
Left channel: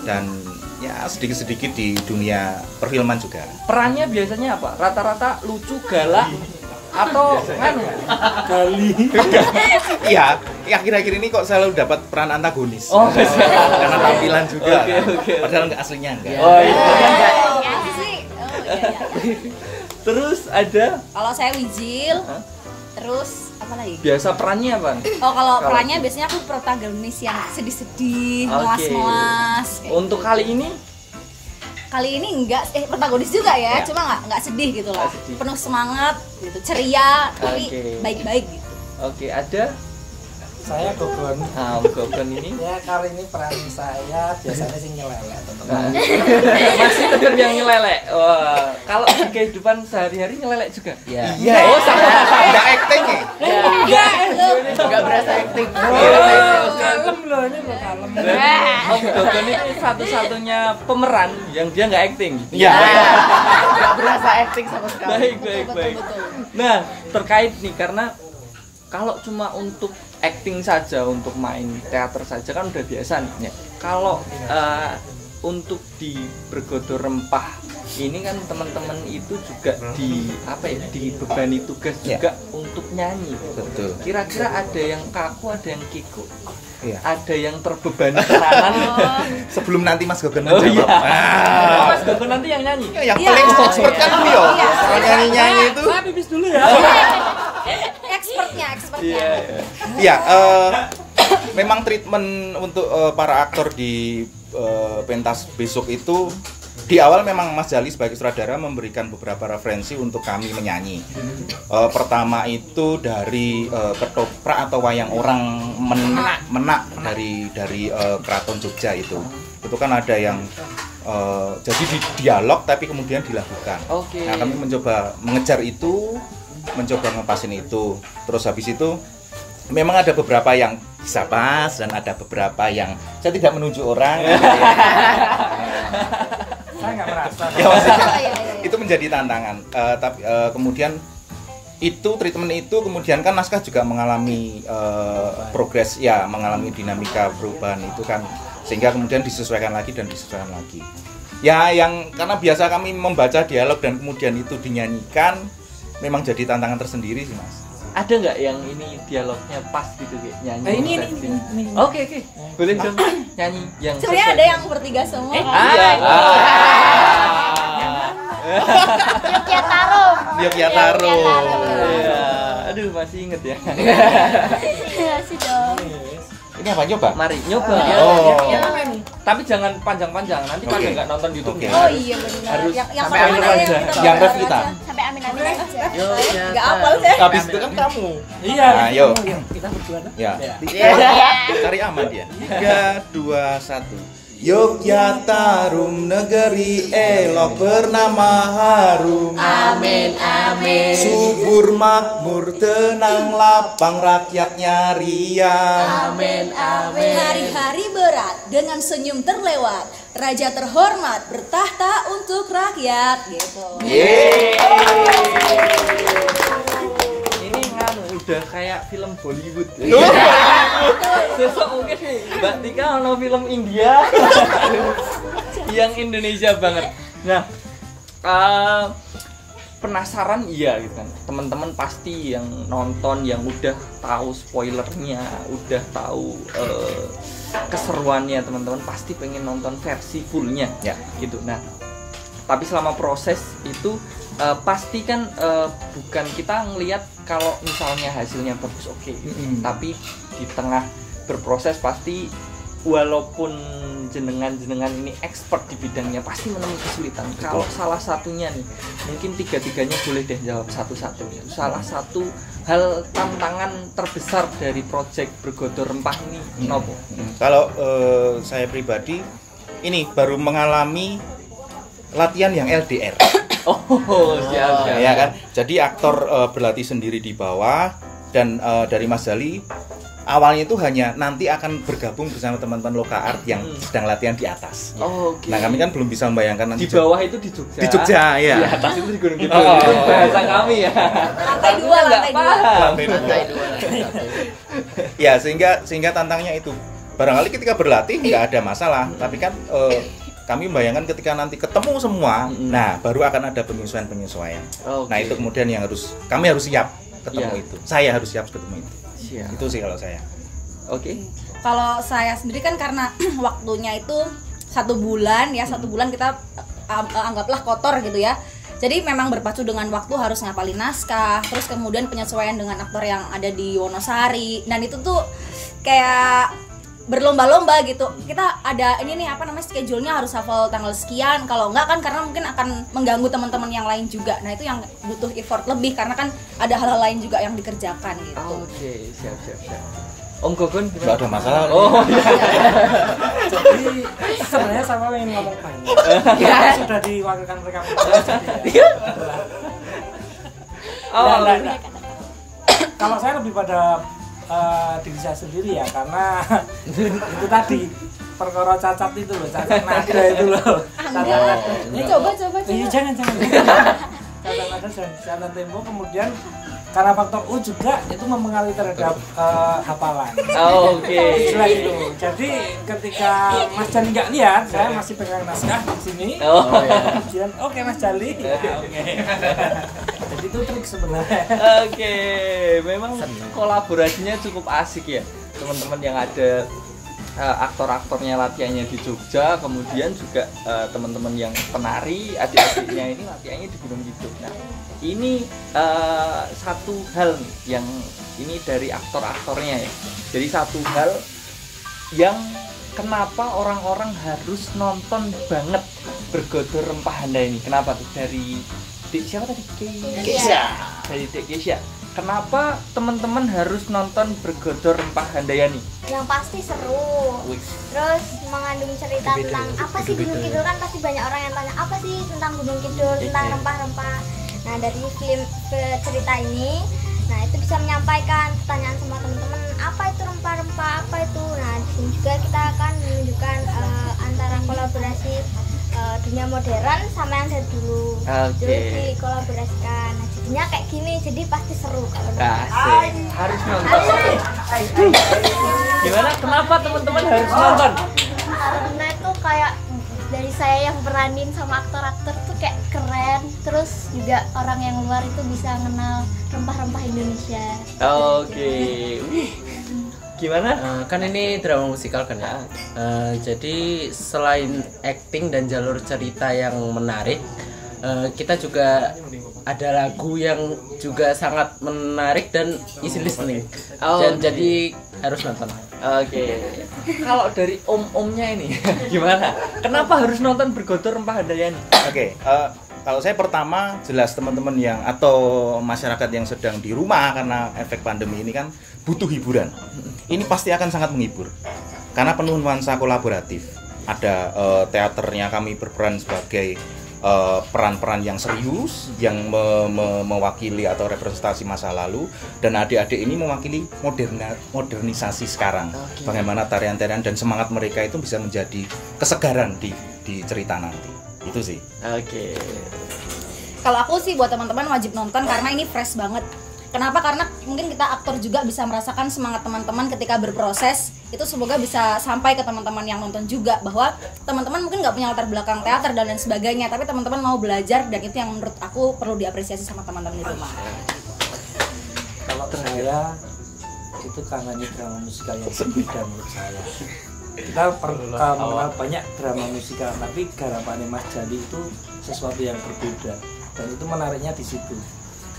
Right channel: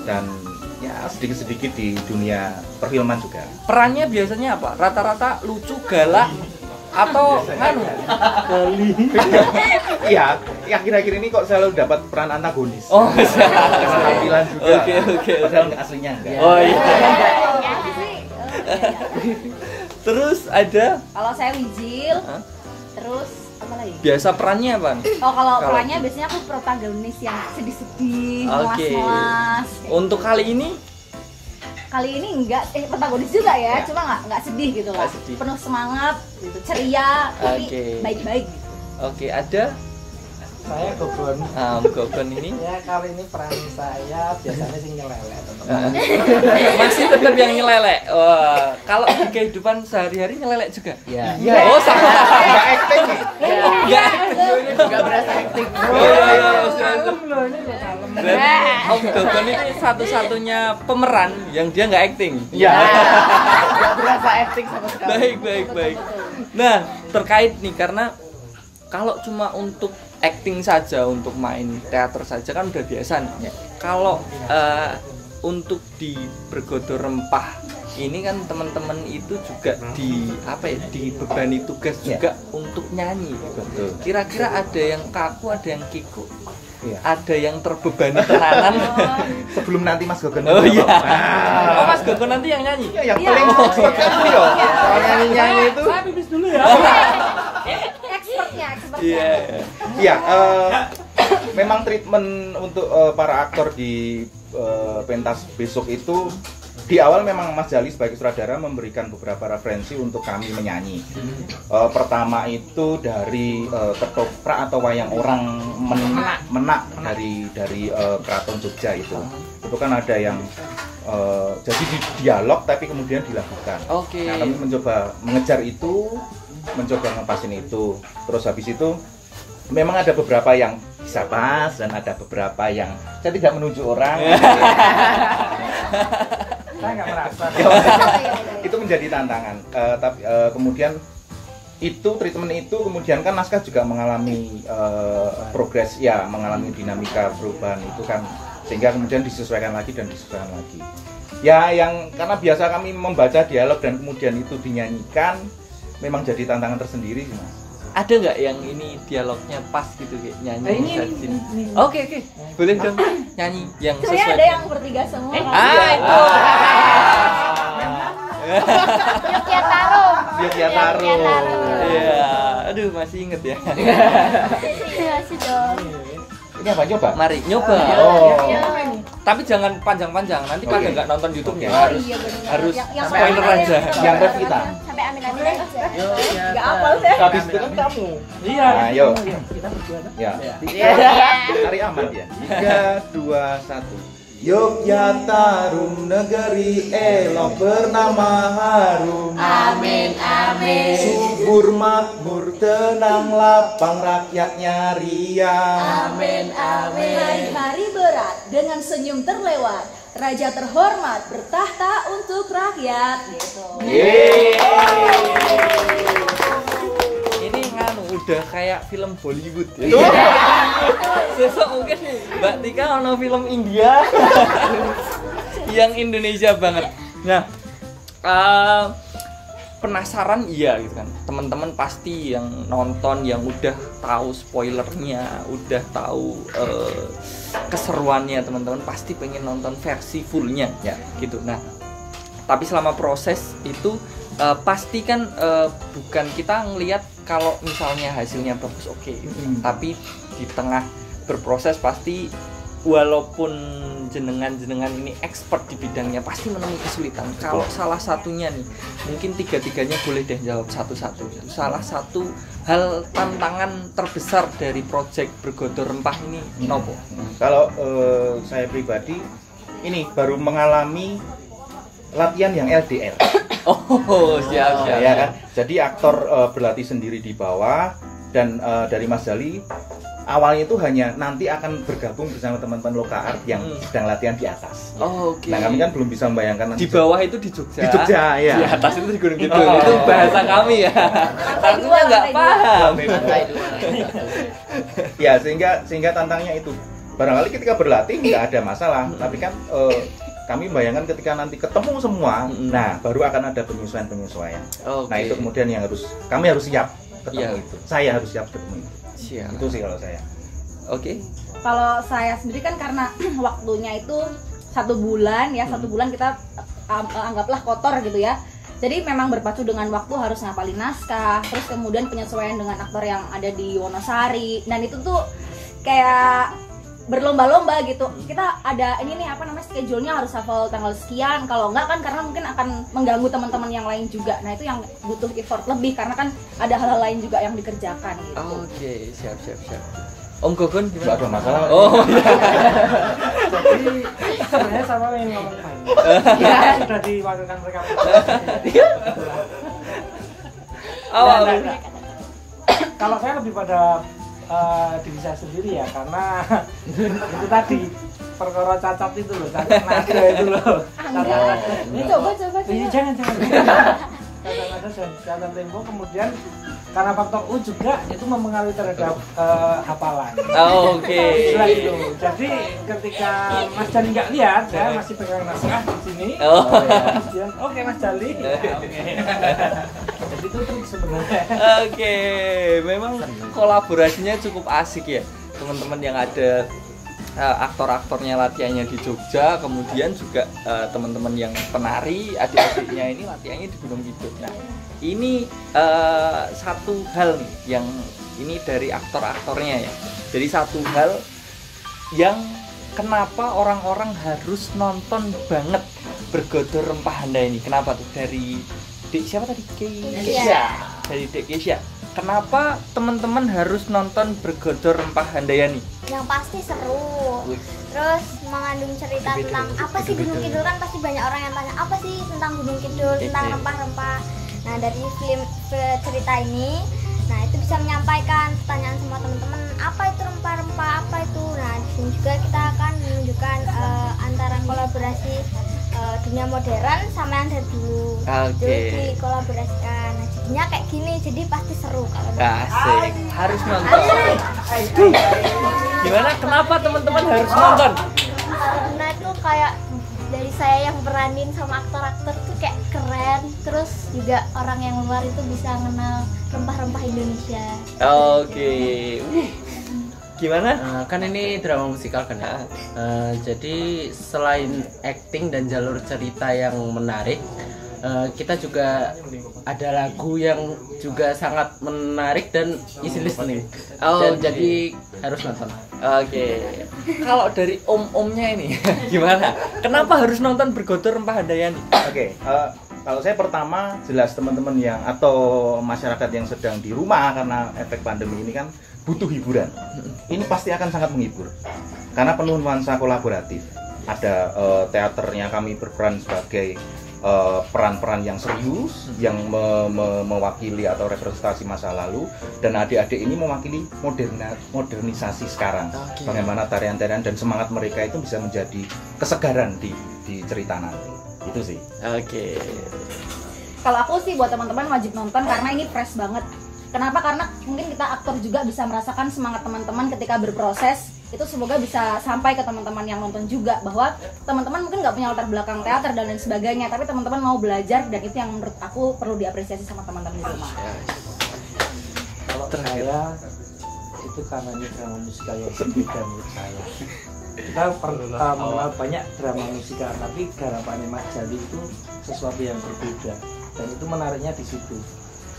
dan ya sedikit-sedikit di dunia perfilman juga. Perannya biasanya apa? Rata-rata lucu, galak, atau nganu? Kali. Iya, akhir-akhir ini kok selalu dapat peran antagonis. Oh, karena tampilan juga. Oke. Padahal nggak aslinya enggak. Oh iya. Ya sih. Terus ada Kalau saya Wijil, terus apa lagi? biasa perannya apa? Oh, kalau perannya biasanya aku protagonis yang sedih-sedih, Oke. muas-muas. kayak Untuk gitu. kali ini Kali ini enggak protagonis juga ya, cuma enggak sedih gitu loh. Nggak sedih. Penuh semangat gitu, ceria, tapi Oke. baik-baik gitu. oke, ada Saya Gogon. Gogon ini Ya kali ini peran saya biasanya sih nyelelek. masih tetap yang nyelelek. Wah, kalau di kehidupan sehari-hari nyelelek juga. Ya. Oh, sama. Nggak acting ya? Enggak. Nggak berasa acting. Om Gogon itu satu-satunya pemeran yang dia nggak acting. Iya. Nggak berasa acting sama sekali. Baik. Nah, terkait nih, karena kalau cuma untuk acting saja, untuk main teater saja kan udah biasa nih. Kalau untuk di Bergodo Rempah ini kan teman-teman itu juga dibebani tugas juga untuk nyanyi. Betul. Kira-kira ada yang kaku, ada yang kiku, Iya. ada yang terbebani tenanan. Sebelum nanti Mas Gogon. Oh iya. Ah. Oh, Mas Gogon nanti yang nyanyi. Ya, yang paling expert kan beliau. Orang nyanyi itu. Saya pipis dulu ya. Expertnya. Iya. Ya, memang treatment untuk para aktor di pentas besok itu di awal memang Mas Jali sebagai sutradara memberikan beberapa referensi untuk kami menyanyi. Pertama itu dari ketoprak atau wayang orang menak dari Keraton Jogja itu kan ada yang jadi di dialog tapi kemudian dilakukan. Oke. Nah, kami mencoba mengejar itu, mencoba ngepasin itu. Terus habis itu memang ada beberapa yang bisa pas dan ada beberapa yang saya tidak menunjuk orang. Saya nggak merasa. Ya, maksudnya itu menjadi tantangan. Tapi kemudian itu treatment itu kemudian kan naskah juga mengalami progres ya, mengalami dinamika perubahan itu kan, sehingga kemudian disesuaikan lagi. Ya, yang karena biasa kami membaca dialog dan kemudian itu dinyanyikan memang jadi tantangan tersendiri sih, Mas. Ada nggak yang ini dialognya pas gitu kayak nyanyi? Ini. Oke. Boleh dong nyanyi yang Sebenarnya ada yang bertiga semua. Yogyakarta. Iya. Aduh, masih inget ya. Masih dong. Ini apa nyoba? Mari nyoba. Oh. Tapi jangan panjang-panjang. Nanti pada Oke. nggak nonton YouTube ya. Oh iya benar. Harus yang sampai sama akhir ya, aja. gitu. Yang ref kita. Sampai amin-amin aja. Nggak hafal saya. Habis itu kan kamu. Iya. Nah, ayo. Kita berdua dong. Ya. Iya. Cari aman dia. 3, 2, 1. Yogyakarta negeri elok bernama harum. Amin amin. Subur makmur tenang lapang rakyatnya riang. Amin amin. Hari-hari berat dengan senyum terlewat, raja terhormat bertahta untuk rakyat gitu. Ini udah kayak film Bollywood ya. Sesok mungkin Mbak Tika mau film India yang Indonesia banget. Nah, penasaran iya gitu kan. Teman-teman pasti yang nonton yang udah tahu spoilernya, udah tahu keseruannya, teman-teman pasti pengen nonton versi fullnya Ya. gitu. Nah, tapi selama proses itu pasti kan bukan kita ngelihat kalau misalnya hasilnya bagus oke. Tapi di tengah berproses pasti walaupun jenengan ini expert di bidangnya pasti menemui kesulitan. Kalau salah satunya nih, mungkin tiga-tiganya boleh deh jawab satu-satu. Salah satu hal tantangan terbesar dari proyek Bergodo Rempah ini nopo? Kalau saya pribadi ini baru mengalami latihan yang LDR. Oh, siap. Ya kan. Jadi aktor berlatih sendiri di bawah dan dari Mas Jali awalnya itu hanya nanti akan bergabung bersama teman-teman Loka Art yang sedang latihan di atas. Oh, oke. Nah, kami kan belum bisa membayangkan nanti Di bawah itu di Jogja. Di Jogja, ya. Di atas itu di Gunung Kidul. Itu bahasa kami ya. Karena nggak paham. Ya, sehingga tantangannya itu. Barangkali ketika berlatih nggak ada masalah, tapi kan kami membayangkan ketika nanti ketemu semua, nah baru akan ada penyesuaian. Oke. Nah, itu kemudian yang kami harus siap ketemu Iya. itu. Saya harus siap ketemu itu. Siap. Itu sih kalau saya. Oke. Kalau saya sendiri kan karena waktunya itu 1 bulan ya, 1 bulan kita anggaplah kotor gitu ya. Jadi memang berpacu dengan waktu, harus ngapalin naskah, terus kemudian penyesuaian dengan aktor yang ada di Wonosari. Dan itu tuh kayak berlomba-lomba gitu. Kita ada ini nih schedule-nya harus hafal tanggal sekian. Kalau enggak kan karena mungkin akan mengganggu teman-teman yang lain juga. Nah, itu yang butuh effort lebih karena kan ada hal-hal lain juga yang dikerjakan gitu. Oke, siap. Om Gogon Nggak ada masalah. Oh, iya. Jadi sebenarnya sama ingin ngomong sudah diwakilkan rekaman. Awalnya. Kalau saya lebih pada diri saya sendiri ya, karena itu tadi perkara cacat itu loh, cacat nada itu loh. Ini coba. Jangan. Kadang-kadang cacat tempo, kemudian karena faktor U juga itu mempengaruhi terhadap hafalan. Oke. Jadi ketika Mas Jali nggak lihat, saya masih pegang naskah di sini. Kemudian oke Mas Jali. Oke. Jadi itu trik sebenarnya. Oke, memang kolaborasinya cukup asik ya, teman-teman yang ada aktor-aktornya latihannya di Jogja, kemudian juga teman-teman yang penari, adik-adiknya ini latihannya di Gunung Kidul. Nah, ini satu hal nih yang ini dari aktor-aktornya ya. Jadi satu hal yang kenapa orang-orang harus nonton banget Bergodo Rempah Handa ini? Kenapa tuh? Dari siapa tadi? Keisha. Dari Dek Keisha. Kenapa teman-teman harus nonton Bergodo Rempah Handayani? Yang pasti seru. Terus mengandung cerita tentang apa sih Gunung Kidul, kan pasti banyak orang yang tanya apa sih tentang Gunung Kidul, tentang rempah-rempah. Nah, dari film cerita ini, nah itu bisa menyampaikan pertanyaan semua teman-teman, apa itu rempah-rempah, apa itu. Nah, di sini juga kita akan menunjukkan antara kolaborasi dunia modern sama yang dari dulu. Jadi dikolaborasikan. Nah, jadinya kayak gini, jadi pasti seru kalau nonton. Asik. Harus nonton. Gimana? Kenapa teman-teman harus nonton? Karena itu kayak dari saya yang peranin sama aktor-aktor tuh kayak keren. Terus juga orang yang luar itu bisa kenal rempah-rempah Indonesia. Oke. Gimana? Kan ini drama musikal kan ya. Jadi selain acting dan jalur cerita yang menarik, kita juga ada lagu yang juga sangat menarik dan easy listening. Dan jadi harus nonton. Oke. Kalau dari om-omnya ini gimana? Kenapa harus nonton Bergodor Rempah Handayani? Oke, kalau saya pertama jelas teman-teman yang atau masyarakat yang sedang di rumah karena efek pandemi ini kan butuh hiburan. Ini pasti akan sangat menghibur karena penuh nuansa kolaboratif. Ada teaternya, kami berperan sebagai peran-peran yang serius yang mewakili atau representasi masa lalu, dan adik-adik ini mewakili modernisasi sekarang. Bagaimana tarian-tarian dan semangat mereka itu bisa menjadi kesegaran di cerita nanti. Itu sih. Oke. Kalau aku sih buat teman-teman wajib nonton karena ini fresh banget. Kenapa? Karena mungkin kita aktor juga bisa merasakan semangat teman-teman ketika berproses. Itu semoga bisa sampai ke teman-teman yang nonton juga, bahwa teman-teman mungkin nggak punya latar belakang teater dan lain sebagainya, tapi teman-teman mau belajar, dan itu yang menurut aku perlu diapresiasi sama teman-teman di rumah. Kalau saya itu tangani drama musikal yang berbeda menurut saya. Kita pernah banyak drama musikal, tapi garapannya Mas Jali itu sesuatu yang berbeda, dan itu menariknya di situ.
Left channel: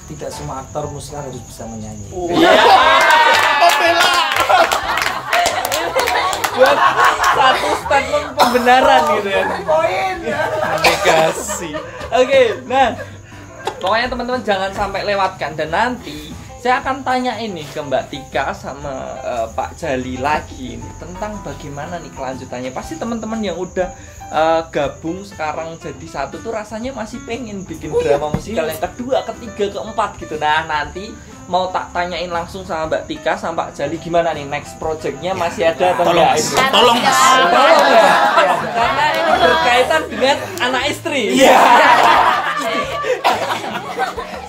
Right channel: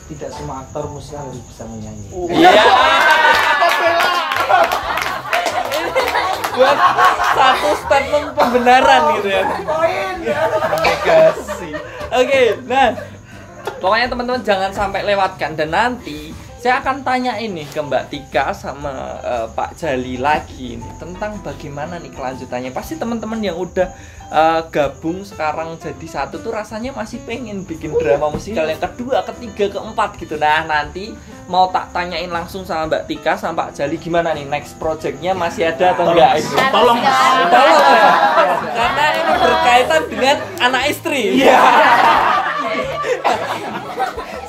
Tidak semua aktor musikal harus bisa menyanyi. Buat satu statement pembenaran gitu ya. Negasi. Oke, nah pokoknya teman-teman jangan sampai lewatkan, dan nanti saya akan tanya ini ke Mbak Tika sama Pak Jali lagi nih, tentang bagaimana nih kelanjutannya. Pasti teman-teman yang udah gabung sekarang jadi satu tuh rasanya masih pengen bikin drama musikal yang kedua, ketiga, keempat gitu. Nah nanti mau tak tanyain langsung sama Mbak Tika sama Pak Jali gimana nih next projectnya, masih ada atau enggak? Tolong. Karena ini berkaitan dengan anak istri.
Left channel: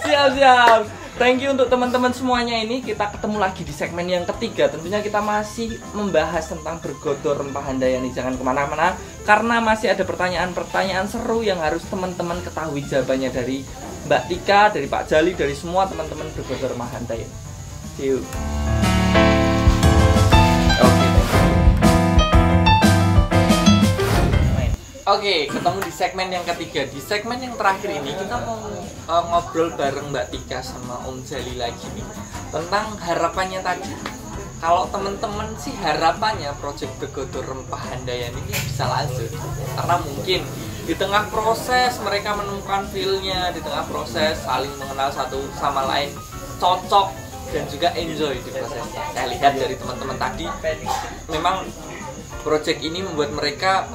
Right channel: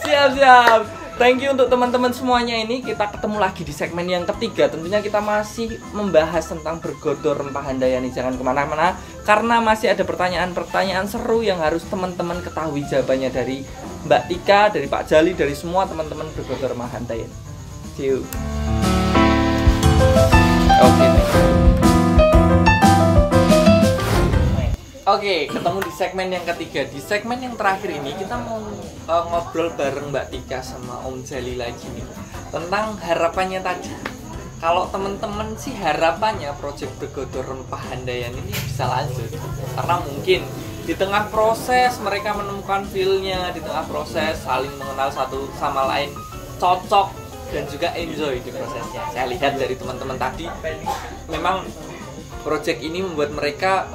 Siap. Thank you untuk teman-teman semuanya. Ini kita ketemu lagi di segmen yang ketiga. Tentunya kita masih membahas tentang Bergodor Rempah Handayani. Jangan kemana-mana karena masih ada pertanyaan-pertanyaan seru yang harus teman-teman ketahui jawabannya dari Mbak Tika, dari Pak Jali, dari semua teman-teman Bergodor Rempah Handayani. See you. Oke, ketemu di segmen yang ketiga. Di segmen yang terakhir ini kita mau ngobrol bareng Mbak Tika sama Om Jali lagi nih tentang harapannya tadi. Kalau teman-teman sih harapannya proyek Bergodor Rempah Handayani ini bisa lanjut, karena mungkin di tengah proses mereka menemukan feel-nya, di tengah proses saling mengenal satu sama lain, cocok dan juga enjoy di prosesnya. Saya lihat dari teman-teman tadi memang project ini membuat mereka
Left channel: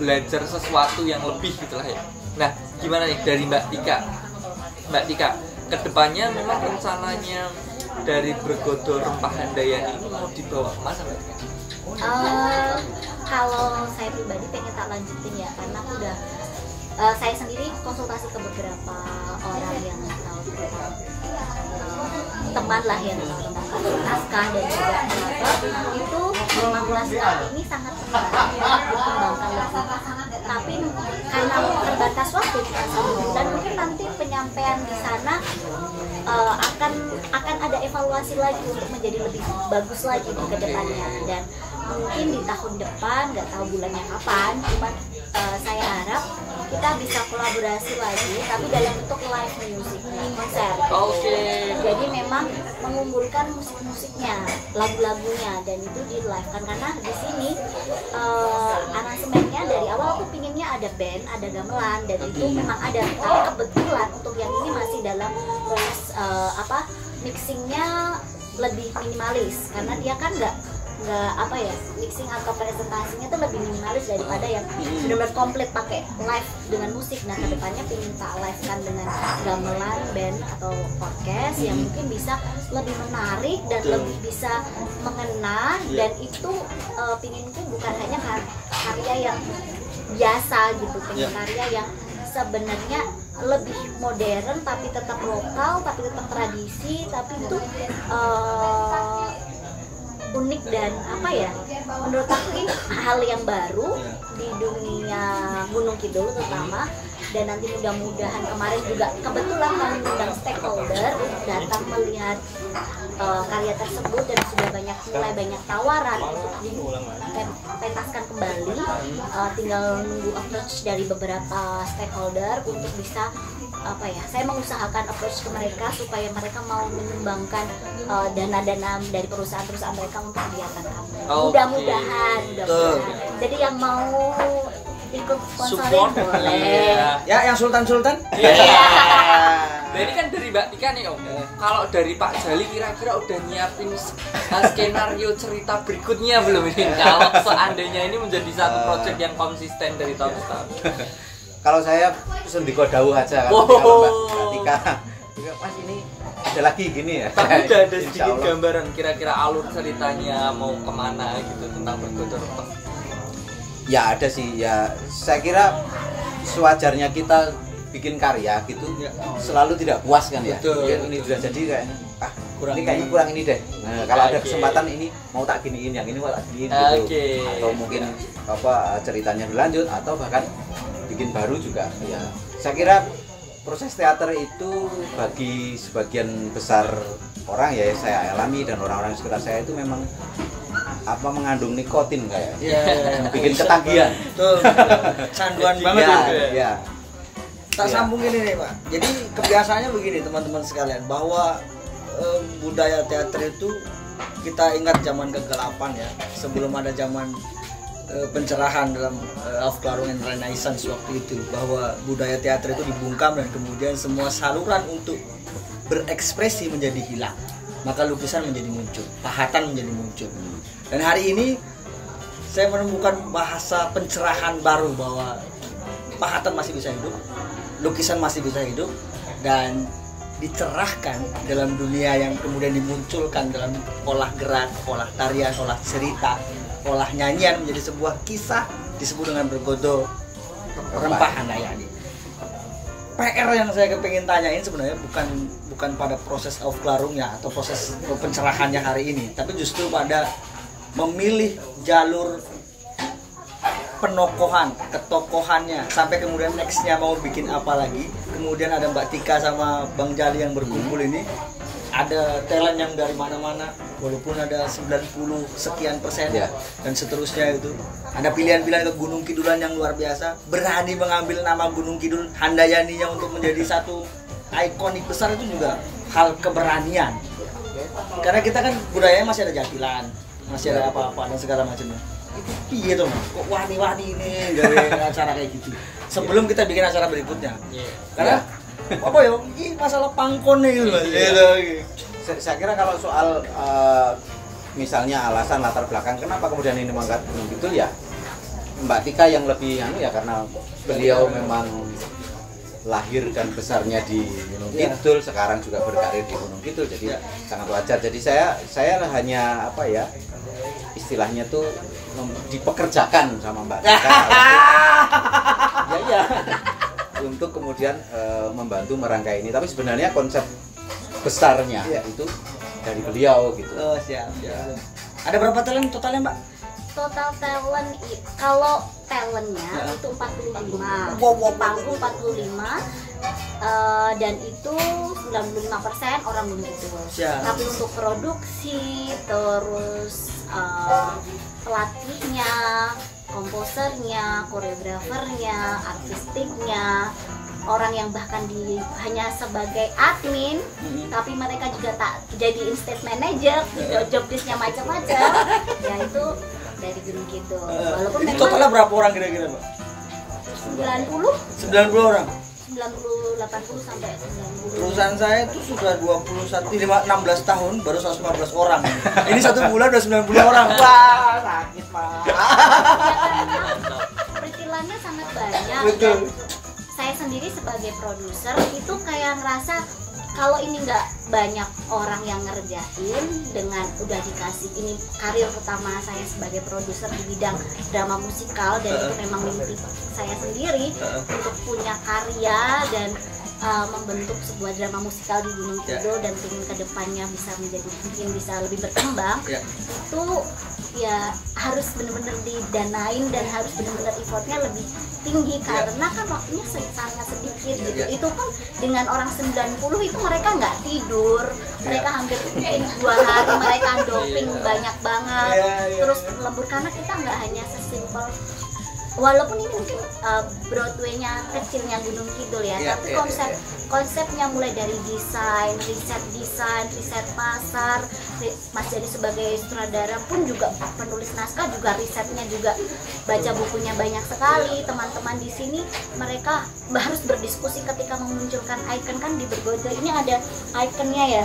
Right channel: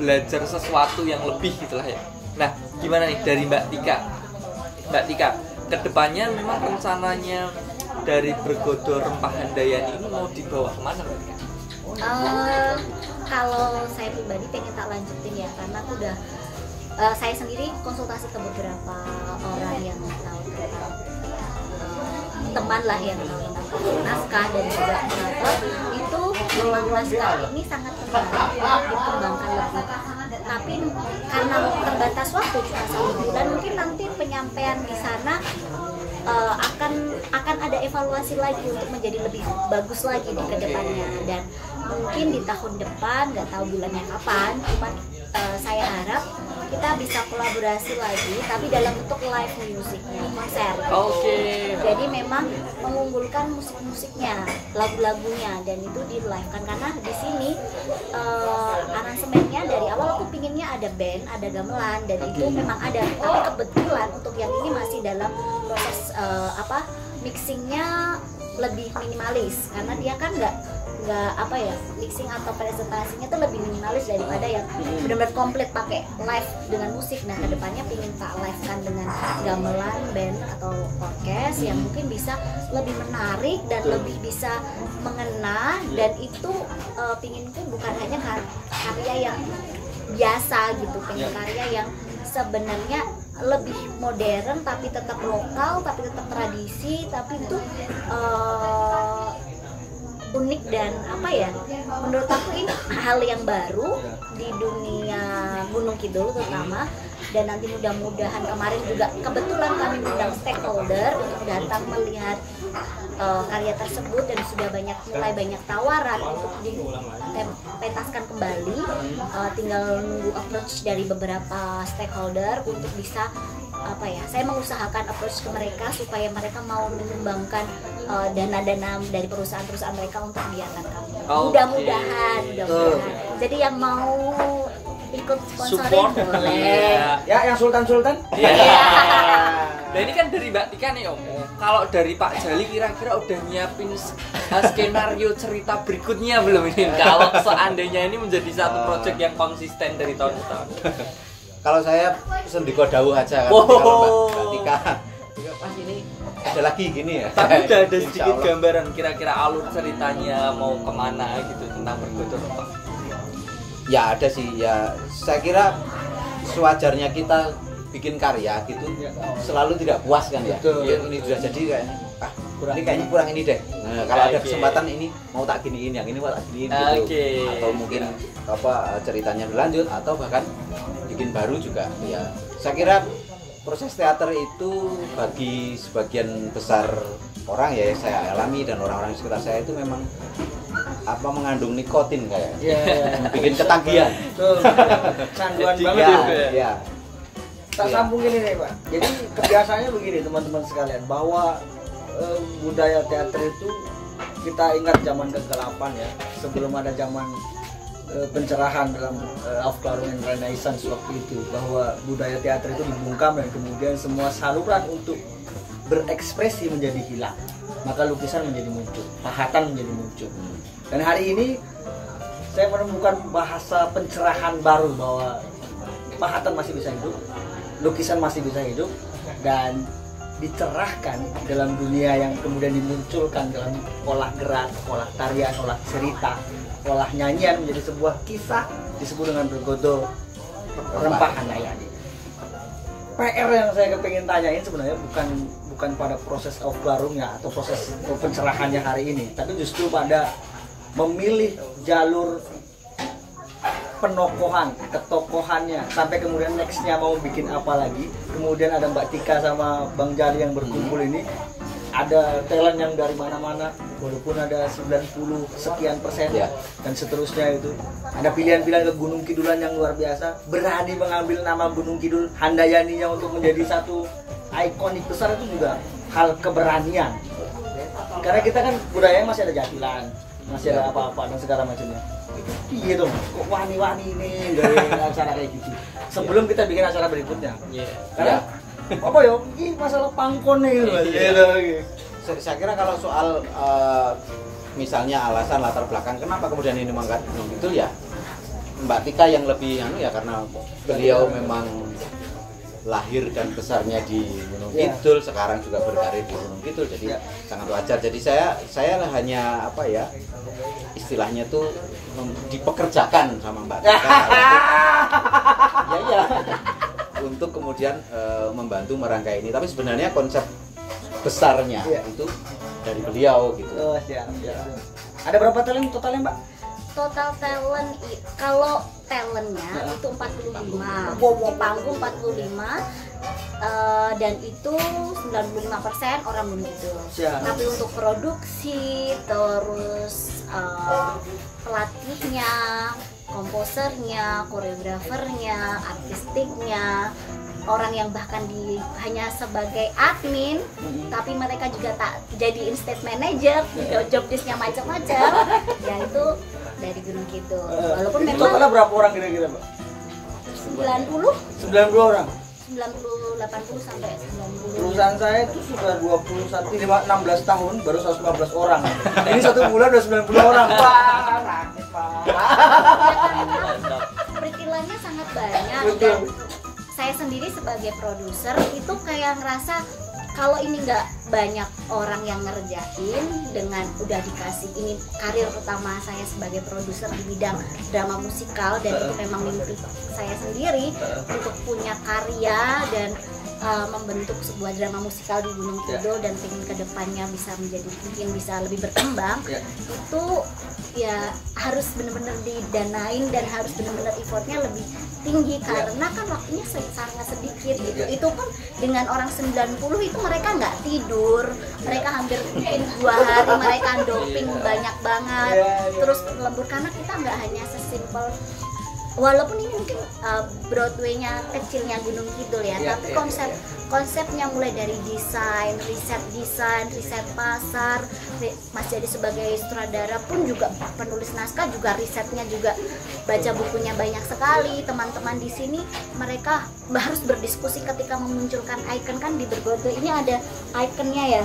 belajar sesuatu yang lebih gitulah ya. Nah, gimana nih dari Mbak Tika? Mbak Tika, kedepannya memang rencananya dari Bergodor Rempah Handayani ini mau dibawa kemana Mbak Tika? Kalau saya pribadi pengen tak lanjutin ya, karena aku udah saya sendiri konsultasi ke beberapa orang yang teman lah yang naskah dan juga penonton, itu 15 kali ini sangat terbatas dikembangkan lebih, tapi karena terbatas waktu cuma 1 bulan, mungkin nanti penyampaian di sana akan ada evaluasi lagi untuk menjadi lebih bagus lagi di kedepannya, dan mungkin di tahun depan, nggak tahu bulannya kapan, cuma saya harap kita bisa kolaborasi lagi, tapi dalam bentuk live musiknya, konser. Jadi memang mengumpulkan musik-musiknya, lagu-lagunya, dan itu di live kan, karena di sini aransemennya dari awal aku pinginnya ada band, ada gamelan, dan itu memang ada. Tapi kebetulan untuk yang ini masih dalam proses mixingnya lebih minimalis, karena dia kan nggak mixing atau presentasinya tuh lebih minimalis daripada yang benar-benar komplit pakai live dengan musik. Nah, kedepannya pengen tak live kan dengan gamelan, band atau podcast yang mungkin bisa lebih menarik dan lebih bisa mengena, dan itu pinginku bukan hanya karya yang biasa gitu, pengen karya yang sebenarnya lebih modern tapi tetap lokal, tapi tetap tradisi, tapi itu unik dan menurut aku ini hal yang baru di dunia Gunung Kidul terutama. Dan nanti mudah-mudahan kemarin juga kebetulan kami undang stakeholder datang melihat karya tersebut dan sudah mulai banyak tawaran untuk dipentaskan kembali. Tinggal nunggu approach dari beberapa stakeholder untuk bisa saya mengusahakan approach ke mereka supaya mereka mau menyumbangkan dana-dana dari perusahaan-perusahaan mereka untuk kegiatan kami. Mudah-mudahan. Jadi yang mau ikut sponsoring boleh. Ya, yang Sultan-Sultan. Nah ini kan dari Mbak Tika nih Om. Kalau dari Pak Jali kira-kira udah nyiapin skenario cerita berikutnya belum ini? Kalau seandainya ini menjadi satu proyek yang konsisten dari tahun ke tahun. Kalau saya sendiko dawuh aja kan. Kalau Mbak Tika, Mas ini ada lagi gini ya. Tapi udah ada sedikit gambaran kira-kira alur ceritanya mau kemana gitu tentang berikutnya. Ya ada sih ya. Saya kira sewajarnya kita bikin karya gitu selalu tidak puas kan ya. Ini sudah jadi kayaknya ini kayaknya kurang ini deh. Nah, kalau ada kesempatan ini mau tak giniin, yang ini mau tak giniin gitu. Atau mungkin ceritanya berlanjut atau bahkan bikin baru juga ya. Saya kira proses teater itu bagi sebagian besar orang ya saya alami dan orang-orang di sekitar saya itu memang mengandung nikotin kayak bikin ketagihan. Canduan banget ya. Tak sambung ini nih Pak. Jadi kebiasaannya begini teman-teman sekalian, bahwa budaya teater itu kita ingat zaman kegelapan ya, sebelum ada zaman pencerahan dalam Aufklärung and Renaissance waktu itu, bahwa budaya teater itu dibungkam dan kemudian semua saluran untuk berekspresi menjadi hilang, maka lukisan menjadi muncul, pahatan menjadi muncul. Dan hari ini saya menemukan bahasa pencerahan baru bahwa pahatan masih bisa hidup, lukisan masih bisa hidup dan dicerahkan dalam dunia yang kemudian dimunculkan dalam olah gerak, olah tarian, olah cerita, olah nyanyian menjadi sebuah kisah disebut dengan bergodo rempah handayani. PR yang saya kepingin tanyain sebenarnya bukan pada proses Aufklärungnya atau proses pencerahannya hari ini, tapi justru pada memilih jalur penokohan, ketokohannya sampai kemudian nextnya mau bikin apa lagi. Kemudian ada Mbak Tika sama Bang Jali yang berkumpul ini, ada talent yang dari mana-mana, walaupun ada 90 sekian persen dan seterusnya itu. Ada pilihan-pilihan ke Gunung Kidulan yang luar biasa, berani mengambil nama Gunung Kidul Handayaninya untuk menjadi satu ikonik besar, itu juga hal keberanian. Karena kita kan budayanya masih ada jatilan, masih ada apa-apa dan segala macamnya. Iya tuh, kok wani-wani ini dari acara kayak gitu. Sebelum kita bikin acara berikutnya, karena apa ya? Ini masalah pangkon nih gitu. Saya kira kalau soal misalnya alasan latar belakang kenapa kemudian ini mengangkat Gunung Kidul ya, Mbak Tika yang lebih ya karena beliau memang lahir dan besarnya di Gunung Kidul, sekarang juga berkarir di Gunung Kidul, jadi sangat wajar. Jadi saya hanya istilahnya tuh dipekerjakan sama Mbak Tika untuk kemudian membantu merangkai ini. Tapi sebenarnya konsep besarnya itu dari beliau gitu. Ada berapa talent totalnya Mbak? Total talent kalau talentnya itu 45, panggung 45, dan itu 95% orang Gunung Kidul. Tapi untuk produksi, terus pelatihnya, komposernya, koreografernya, artistiknya, orang yang bahkan hanya sebagai admin, tapi mereka juga tak jadi stage manager, job desk-nya macam-macam, ya itu dari Gunung Kidul. Walaupun totalnya berapa orang kira-kira Mbak? 90 orang. 80 sampai 90. Perusahaan saya itu sudah 16 tahun baru 115 orang. Ini 1 bulan udah 90 orang. Wah, sakit banget. Perikilannya sangat banyak. Betul. Saya sendiri sebagai produser itu kayak ngerasa kalau ini nggak banyak orang yang ngerjain, dengan udah dikasih ini karir utama saya sebagai produser di bidang drama musikal, dan itu memang mimpi saya sendiri untuk punya karya dan membentuk sebuah drama musikal di Gunung Kidul dan ingin kedepannya bisa lebih berkembang. Itu ya harus benar-benar didanain dan harus benar-benar effortnya lebih tinggi karena kan waktunya sangat sedikit gitu. Itu pun dengan orang 90 itu mereka nggak tidur, mereka hampir mungkin 2 hari mereka doping banyak banget, terus lembur karena kita nggak hanya sesimpel walaupun ini mungkin Broadway-nya kecilnya Gunung Kidul ya, tapi konsepnya mulai dari desain, riset pasar, Mas Jadi sebagai sutradara pun juga penulis naskah juga risetnya juga baca bukunya banyak sekali. Teman-teman di sini mereka harus berdiskusi ketika memunculkan icon kan di Broadway ini ada iconnya ya,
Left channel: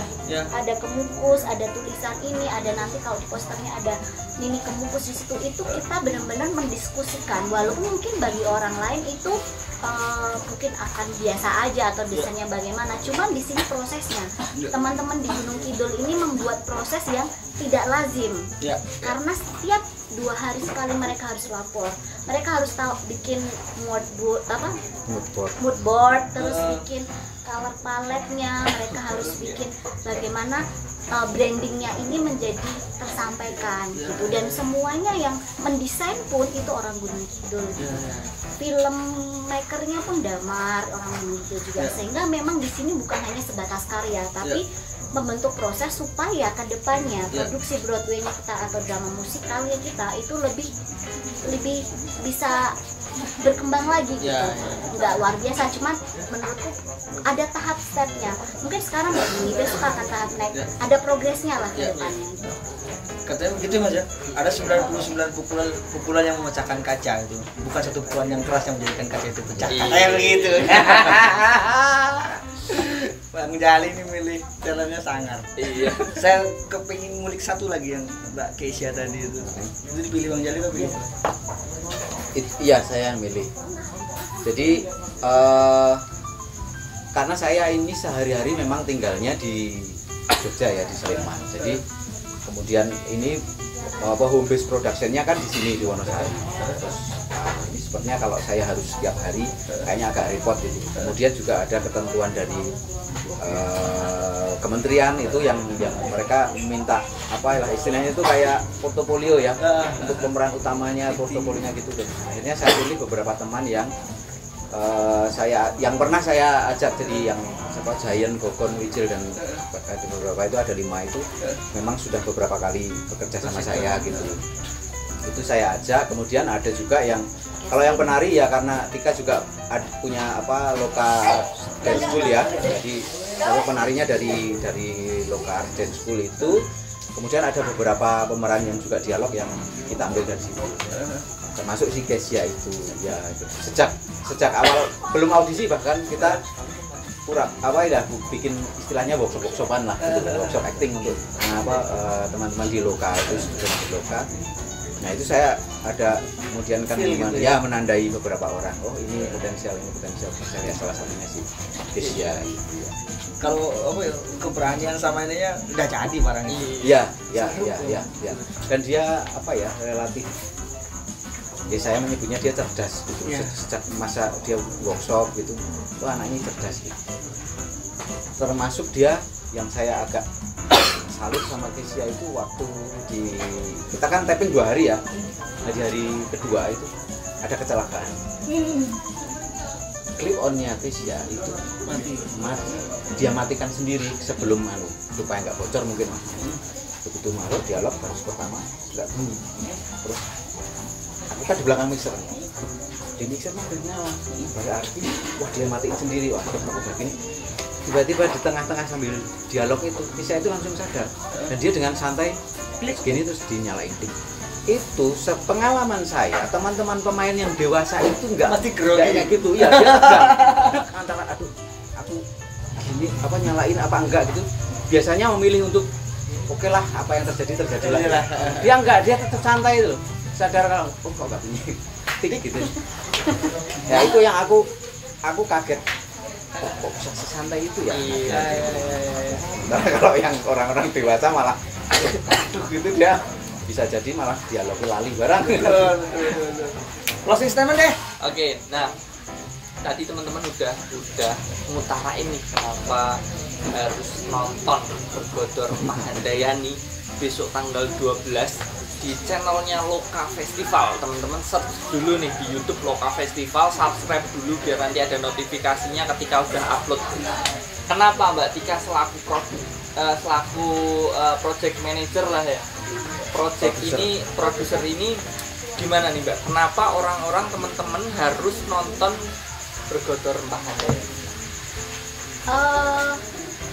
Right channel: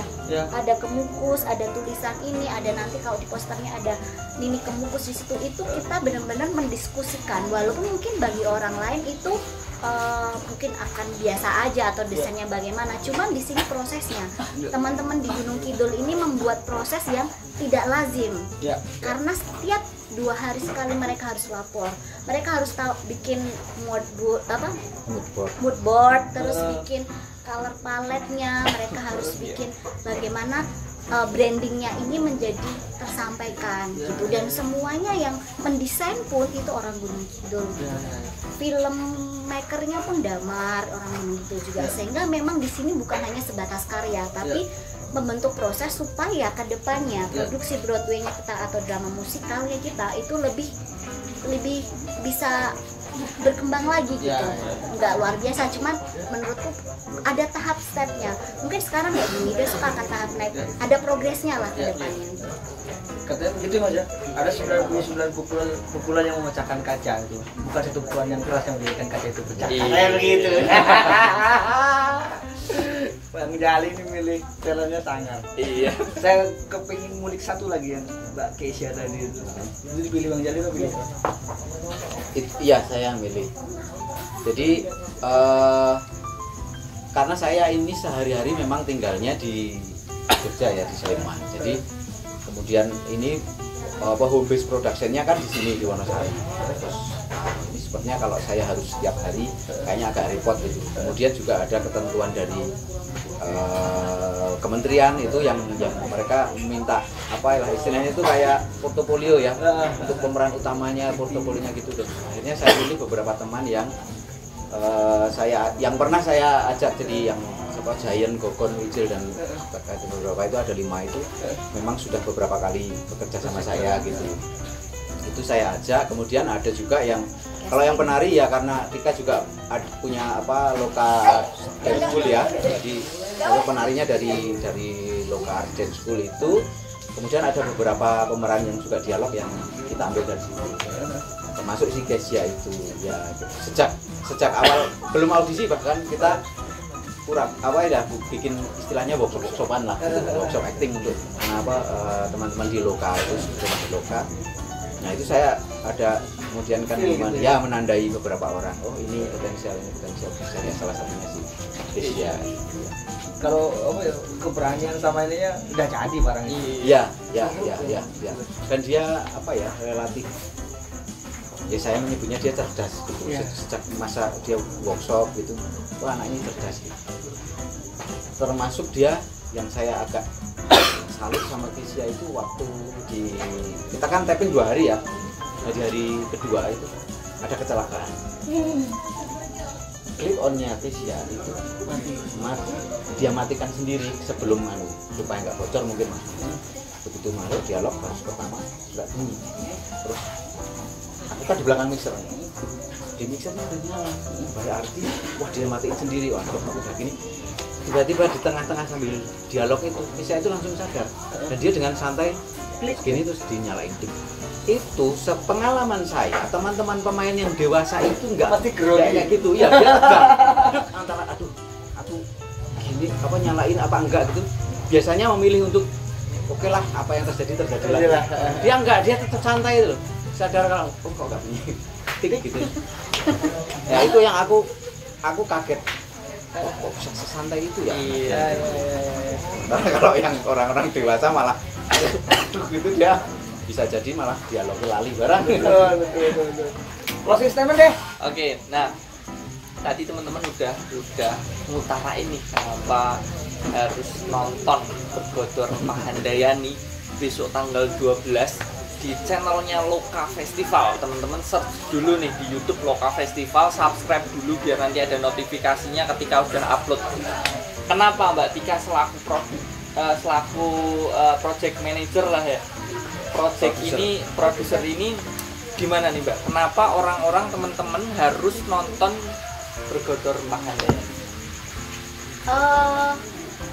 ada kemukus, ada tulisan ini, ada nanti kalau di posternya ada mini kemukus di situ. Itu kita benar-benar mendiskusikan. Walaupun mungkin bagi orang lain itu mungkin akan biasa aja atau desainnya bagaimana, cuman di sini prosesnya teman-teman di Gunung Kidul ini membuat proses yang tidak lazim karena setiap 2 hari sekali mereka harus lapor, mereka harus tahu bikin mood board, terus bikin color palette-nya, mereka harus bikin bagaimana brandingnya ini menjadi tersampaikan gitu, dan semuanya yang mendesain pun itu orang Gunung Kidul, filmmakernya pun Damar orang Gunung Kidul juga, sehingga memang di sini bukan hanya sebatas karya tapi membentuk proses supaya kedepannya produksi Broadway-nya kita atau drama musikalnya kita itu lebih bisa berkembang lagi gitu. Nggak luar biasa, cuman menurutku ada tahap stepnya. Mungkin sekarang begini, besok akan tahap naik, ada progresnya lah ke depannya. Katanya begitu Mas ya, ada 99 pukulan yang memecahkan kaca itu, bukan satu pukulan yang keras yang menjadikan kaca itu pecah. Kayak begitu. Bang Jali ini milih jalannya sangar. Iya. Saya kepingin ngulik satu lagi yang Mbak Keisha tadi itu. Itu dipilih Bang Jali atau pilih? Iya, saya yang milih. Jadi karena saya ini sehari-hari memang tinggalnya di Jogja ya, di Sleman. Jadi kemudian ini home base productionnya kan di sini di Wonosari. Terus ini sepertinya kalau saya harus setiap hari kayaknya agak repot gitu. Kemudian juga ada ketentuan dari kementerian itu yang mereka minta apa lah istilahnya itu kayak portofolio ya, untuk pemeran utamanya portofolionya gitu. Dan akhirnya saya pilih beberapa teman yang pernah saya ajak, jadi yang Giant, Gogon, Wijil dan beberapa itu ada 5 itu memang sudah beberapa kali bekerja sama saya gitu. Itu saya ajak. Kemudian ada juga yang kalau yang penari ya, karena Tika juga punya Loka Dance School ya, jadi penarinya dari Loka Dance School itu. Kemudian ada beberapa pemeran yang juga dialog yang kita ambil dari situ, termasuk si Kesia itu ya. Sejak awal belum audisi bahkan kita bikin istilahnya workshop-workshopan lah gitu, workshop acting untuk teman-teman di Loka itu di Loka. Nah itu saya ada kemudian kan ya menandai beberapa orang, oh ini potensial ya, salah satunya si Kesia. Kalau keberanian sama ini ya udah jadi barangnya. Ya. Dan dia relatif, ya saya menyebutnya dia cerdas gitu. Sejak masa dia workshop gitu, anak ini cerdas gitu. Termasuk dia yang saya agak salut sama Kesia itu waktu kita kan taping 2 hari ya. Nah di hari kedua itu ada kecelakaan. Clip onnya Kesia itu mati. Dia matikan sendiri sebelum supaya nggak bocor mungkin Mas. Begitu masuk dialog baris pertama nggak bunyi. Terus aku kan di belakang mixer. Di mixernya udah nyala. Berarti wah dia matiin sendiri. Wah aku udah gini. Tiba-tiba di tengah-tengah sambil dialog itu Kesia itu langsung sadar, dan dia dengan santai klik gini terus dinyalain tik. Itu sepengalaman saya, teman-teman pemain yang dewasa itu nggak kayak gitu ya, dia tegak antara aku gini nyalain apa enggak gitu. Biasanya memilih untuk oke lah, apa yang terjadi lah. Dia enggak, dia tetap santai itu loh, sadar kalau kok nggak bunyi tik gitu ya. Itu yang aku kaget, kok bisa sesantai itu ya. Nah, kalau yang orang-orang dewasa malah gitu, dia bisa jadi malah dialog lali barang. Closing statement deh. Oke, nah tadi teman-teman udah ngutarain nih kenapa harus nonton Bergodor Mahandayani besok tanggal 12 di channelnya Loka Festival. Teman-teman search dulu nih di YouTube Loka Festival, subscribe dulu biar nanti ada notifikasinya ketika udah upload. Kenapa Mbak Tika selaku project manager lah ya, produser ini gimana nih Mbak? Kenapa orang-orang teman-teman harus nonton Bergodor Rempah Handayani?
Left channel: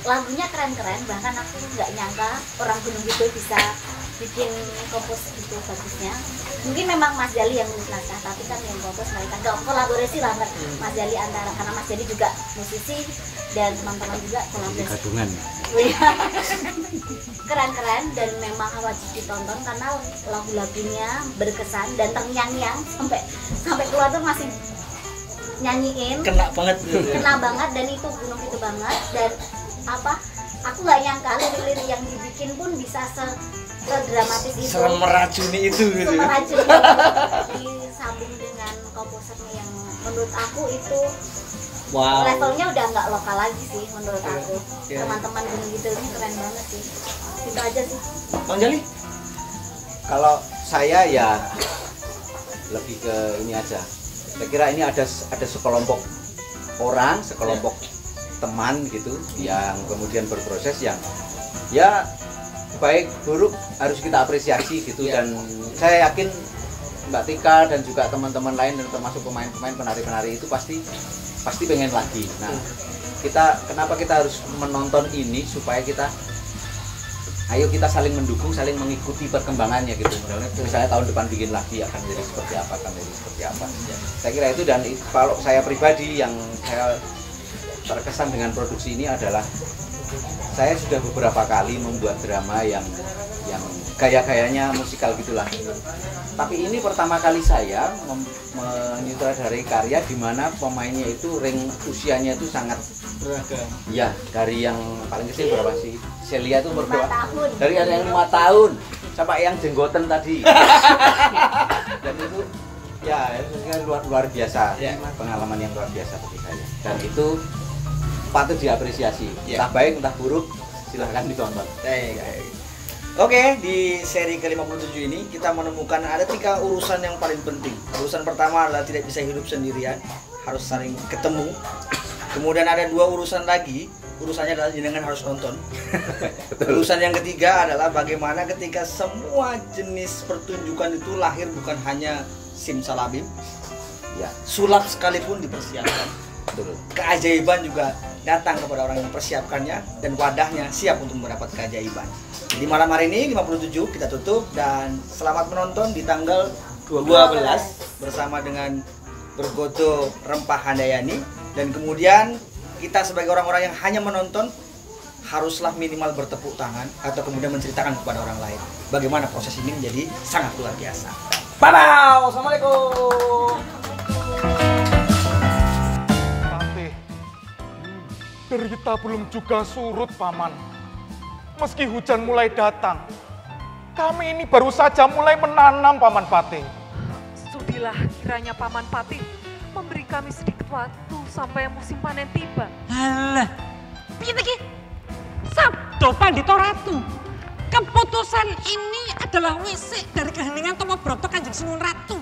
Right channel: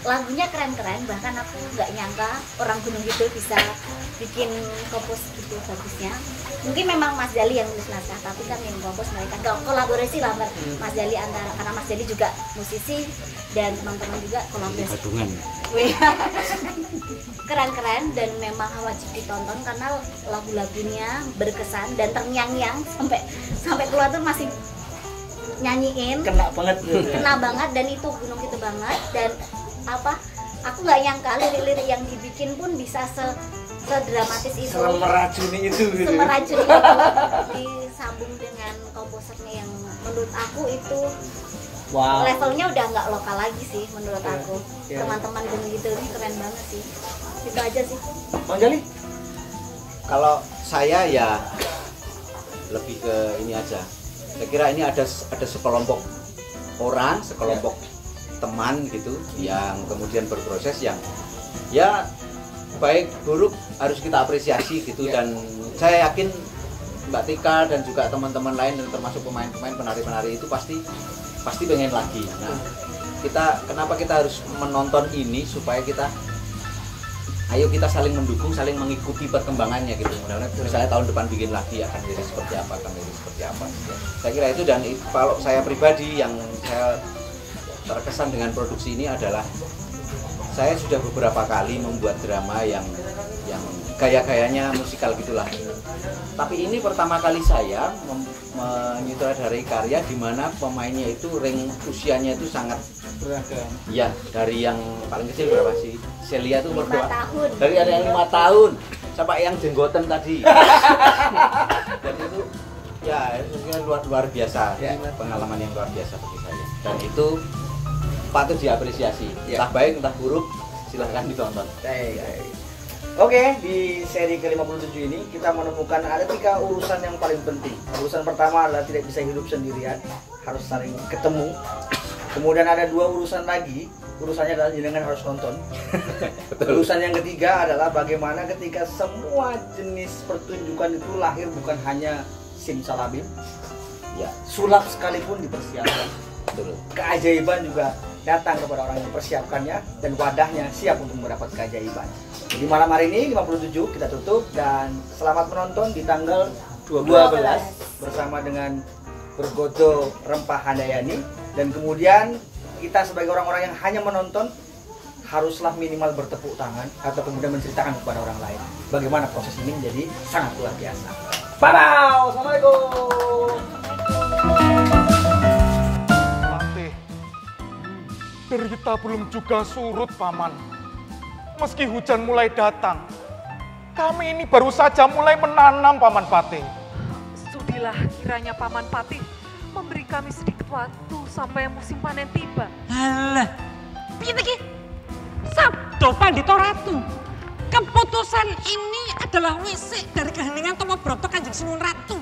Lagunya keren-keren, bahkan aku nggak nyangka orang Gunung Kidul bisa bikin kompos gitu bagusnya. Mungkin memang Mas Jali yang nulis naskah, tapi kan yang kompos mereka nggak kolaborasi lah Mas Jali antara, karena Mas Jali juga musisi dan teman-teman juga kolaborasi. Gadungan. Keren-keren dan memang wajib ditonton karena lagu-lagunya berkesan dan terngiang-ngiang sampai keluar tuh masih nyanyiin. Kena banget gitu. Kena banget dan itu Gunung Kidul banget dan aku nggak nyangka lirik-lirik yang dibikin pun bisa sedramatis itu, meracuni itu gitu. Meracuni itu disambung dengan komposernya yang menurut aku itu levelnya udah nggak lokal lagi sih menurut aku. Teman-teman Gunung Kidul ini keren banget sih. Itu aja sih. Bang Jali? Kalau saya ya lebih ke ini aja. Saya kira ini ada sekelompok orang, sekelompok teman gitu yang kemudian berproses yang ya baik buruk harus kita apresiasi gitu. Dan saya yakin Mbak Tika dan juga teman-teman lain dan termasuk pemain-pemain penari-penari itu pasti pengen lagi. Nah, kenapa kita harus menonton ini supaya kita kita saling mendukung, saling mengikuti perkembangannya gitu. Mudah-mudahan misalnya tahun depan bikin lagi akan jadi seperti apa, Ya. Saya kira itu. Dan kalau saya pribadi yang saya terkesan dengan produksi ini adalah saya sudah beberapa kali membuat drama yang gaya-gayanya musikal gitulah. Tapi ini pertama kali saya menyutradarai karya di mana pemainnya itu usianya itu sangat beragam. Ya, dari yang paling kecil berapa sih? Celia itu berapa? Dari ada yang 5 tahun sampai yang jenggoten tadi. Dan itu ya luar biasa, pengalaman yang luar biasa bagi saya. Dan itu patut diapresiasi. Entah baik entah buruk, silahkan ditonton. Oke, di seri ke-57 ini kita menemukan ada 3 urusan yang paling penting. Urusan pertama adalah tidak bisa hidup sendirian, harus saling ketemu. Kemudian ada 2 urusan lagi, urusannya adalah jenengan harus nonton. Urusan yang ketiga adalah bagaimana ketika semua jenis pertunjukan itu lahir bukan hanya simsalabim, sulap sekalipun dipersiapkan. Keajaiban juga datang kepada orang yang mempersiapkannya dan wadahnya siap untuk mendapat keajaiban. Di malam hari ini 57 kita tutup dan selamat menonton di tanggal 12 bersama dengan Bergodor Rempah Handayani. Dan kemudian kita sebagai orang-orang yang hanya menonton haruslah minimal bertepuk tangan atau kemudian menceritakan kepada orang lain bagaimana proses ini menjadi sangat luar biasa. Bye-bye. Assalamualaikum. Patih, derita belum juga surut, Paman. Meski hujan mulai datang, kami ini baru saja mulai menanam, Paman Patih. Sudilah kiranya Paman Patih memberi kami sedikit waktu sampai musim panen tiba. Alah, piye iki? Sabdo Pandhita Ratu. Keputusan ini adalah wisik dari keheningan Tama Brata Kanjeng Sunan Ratu.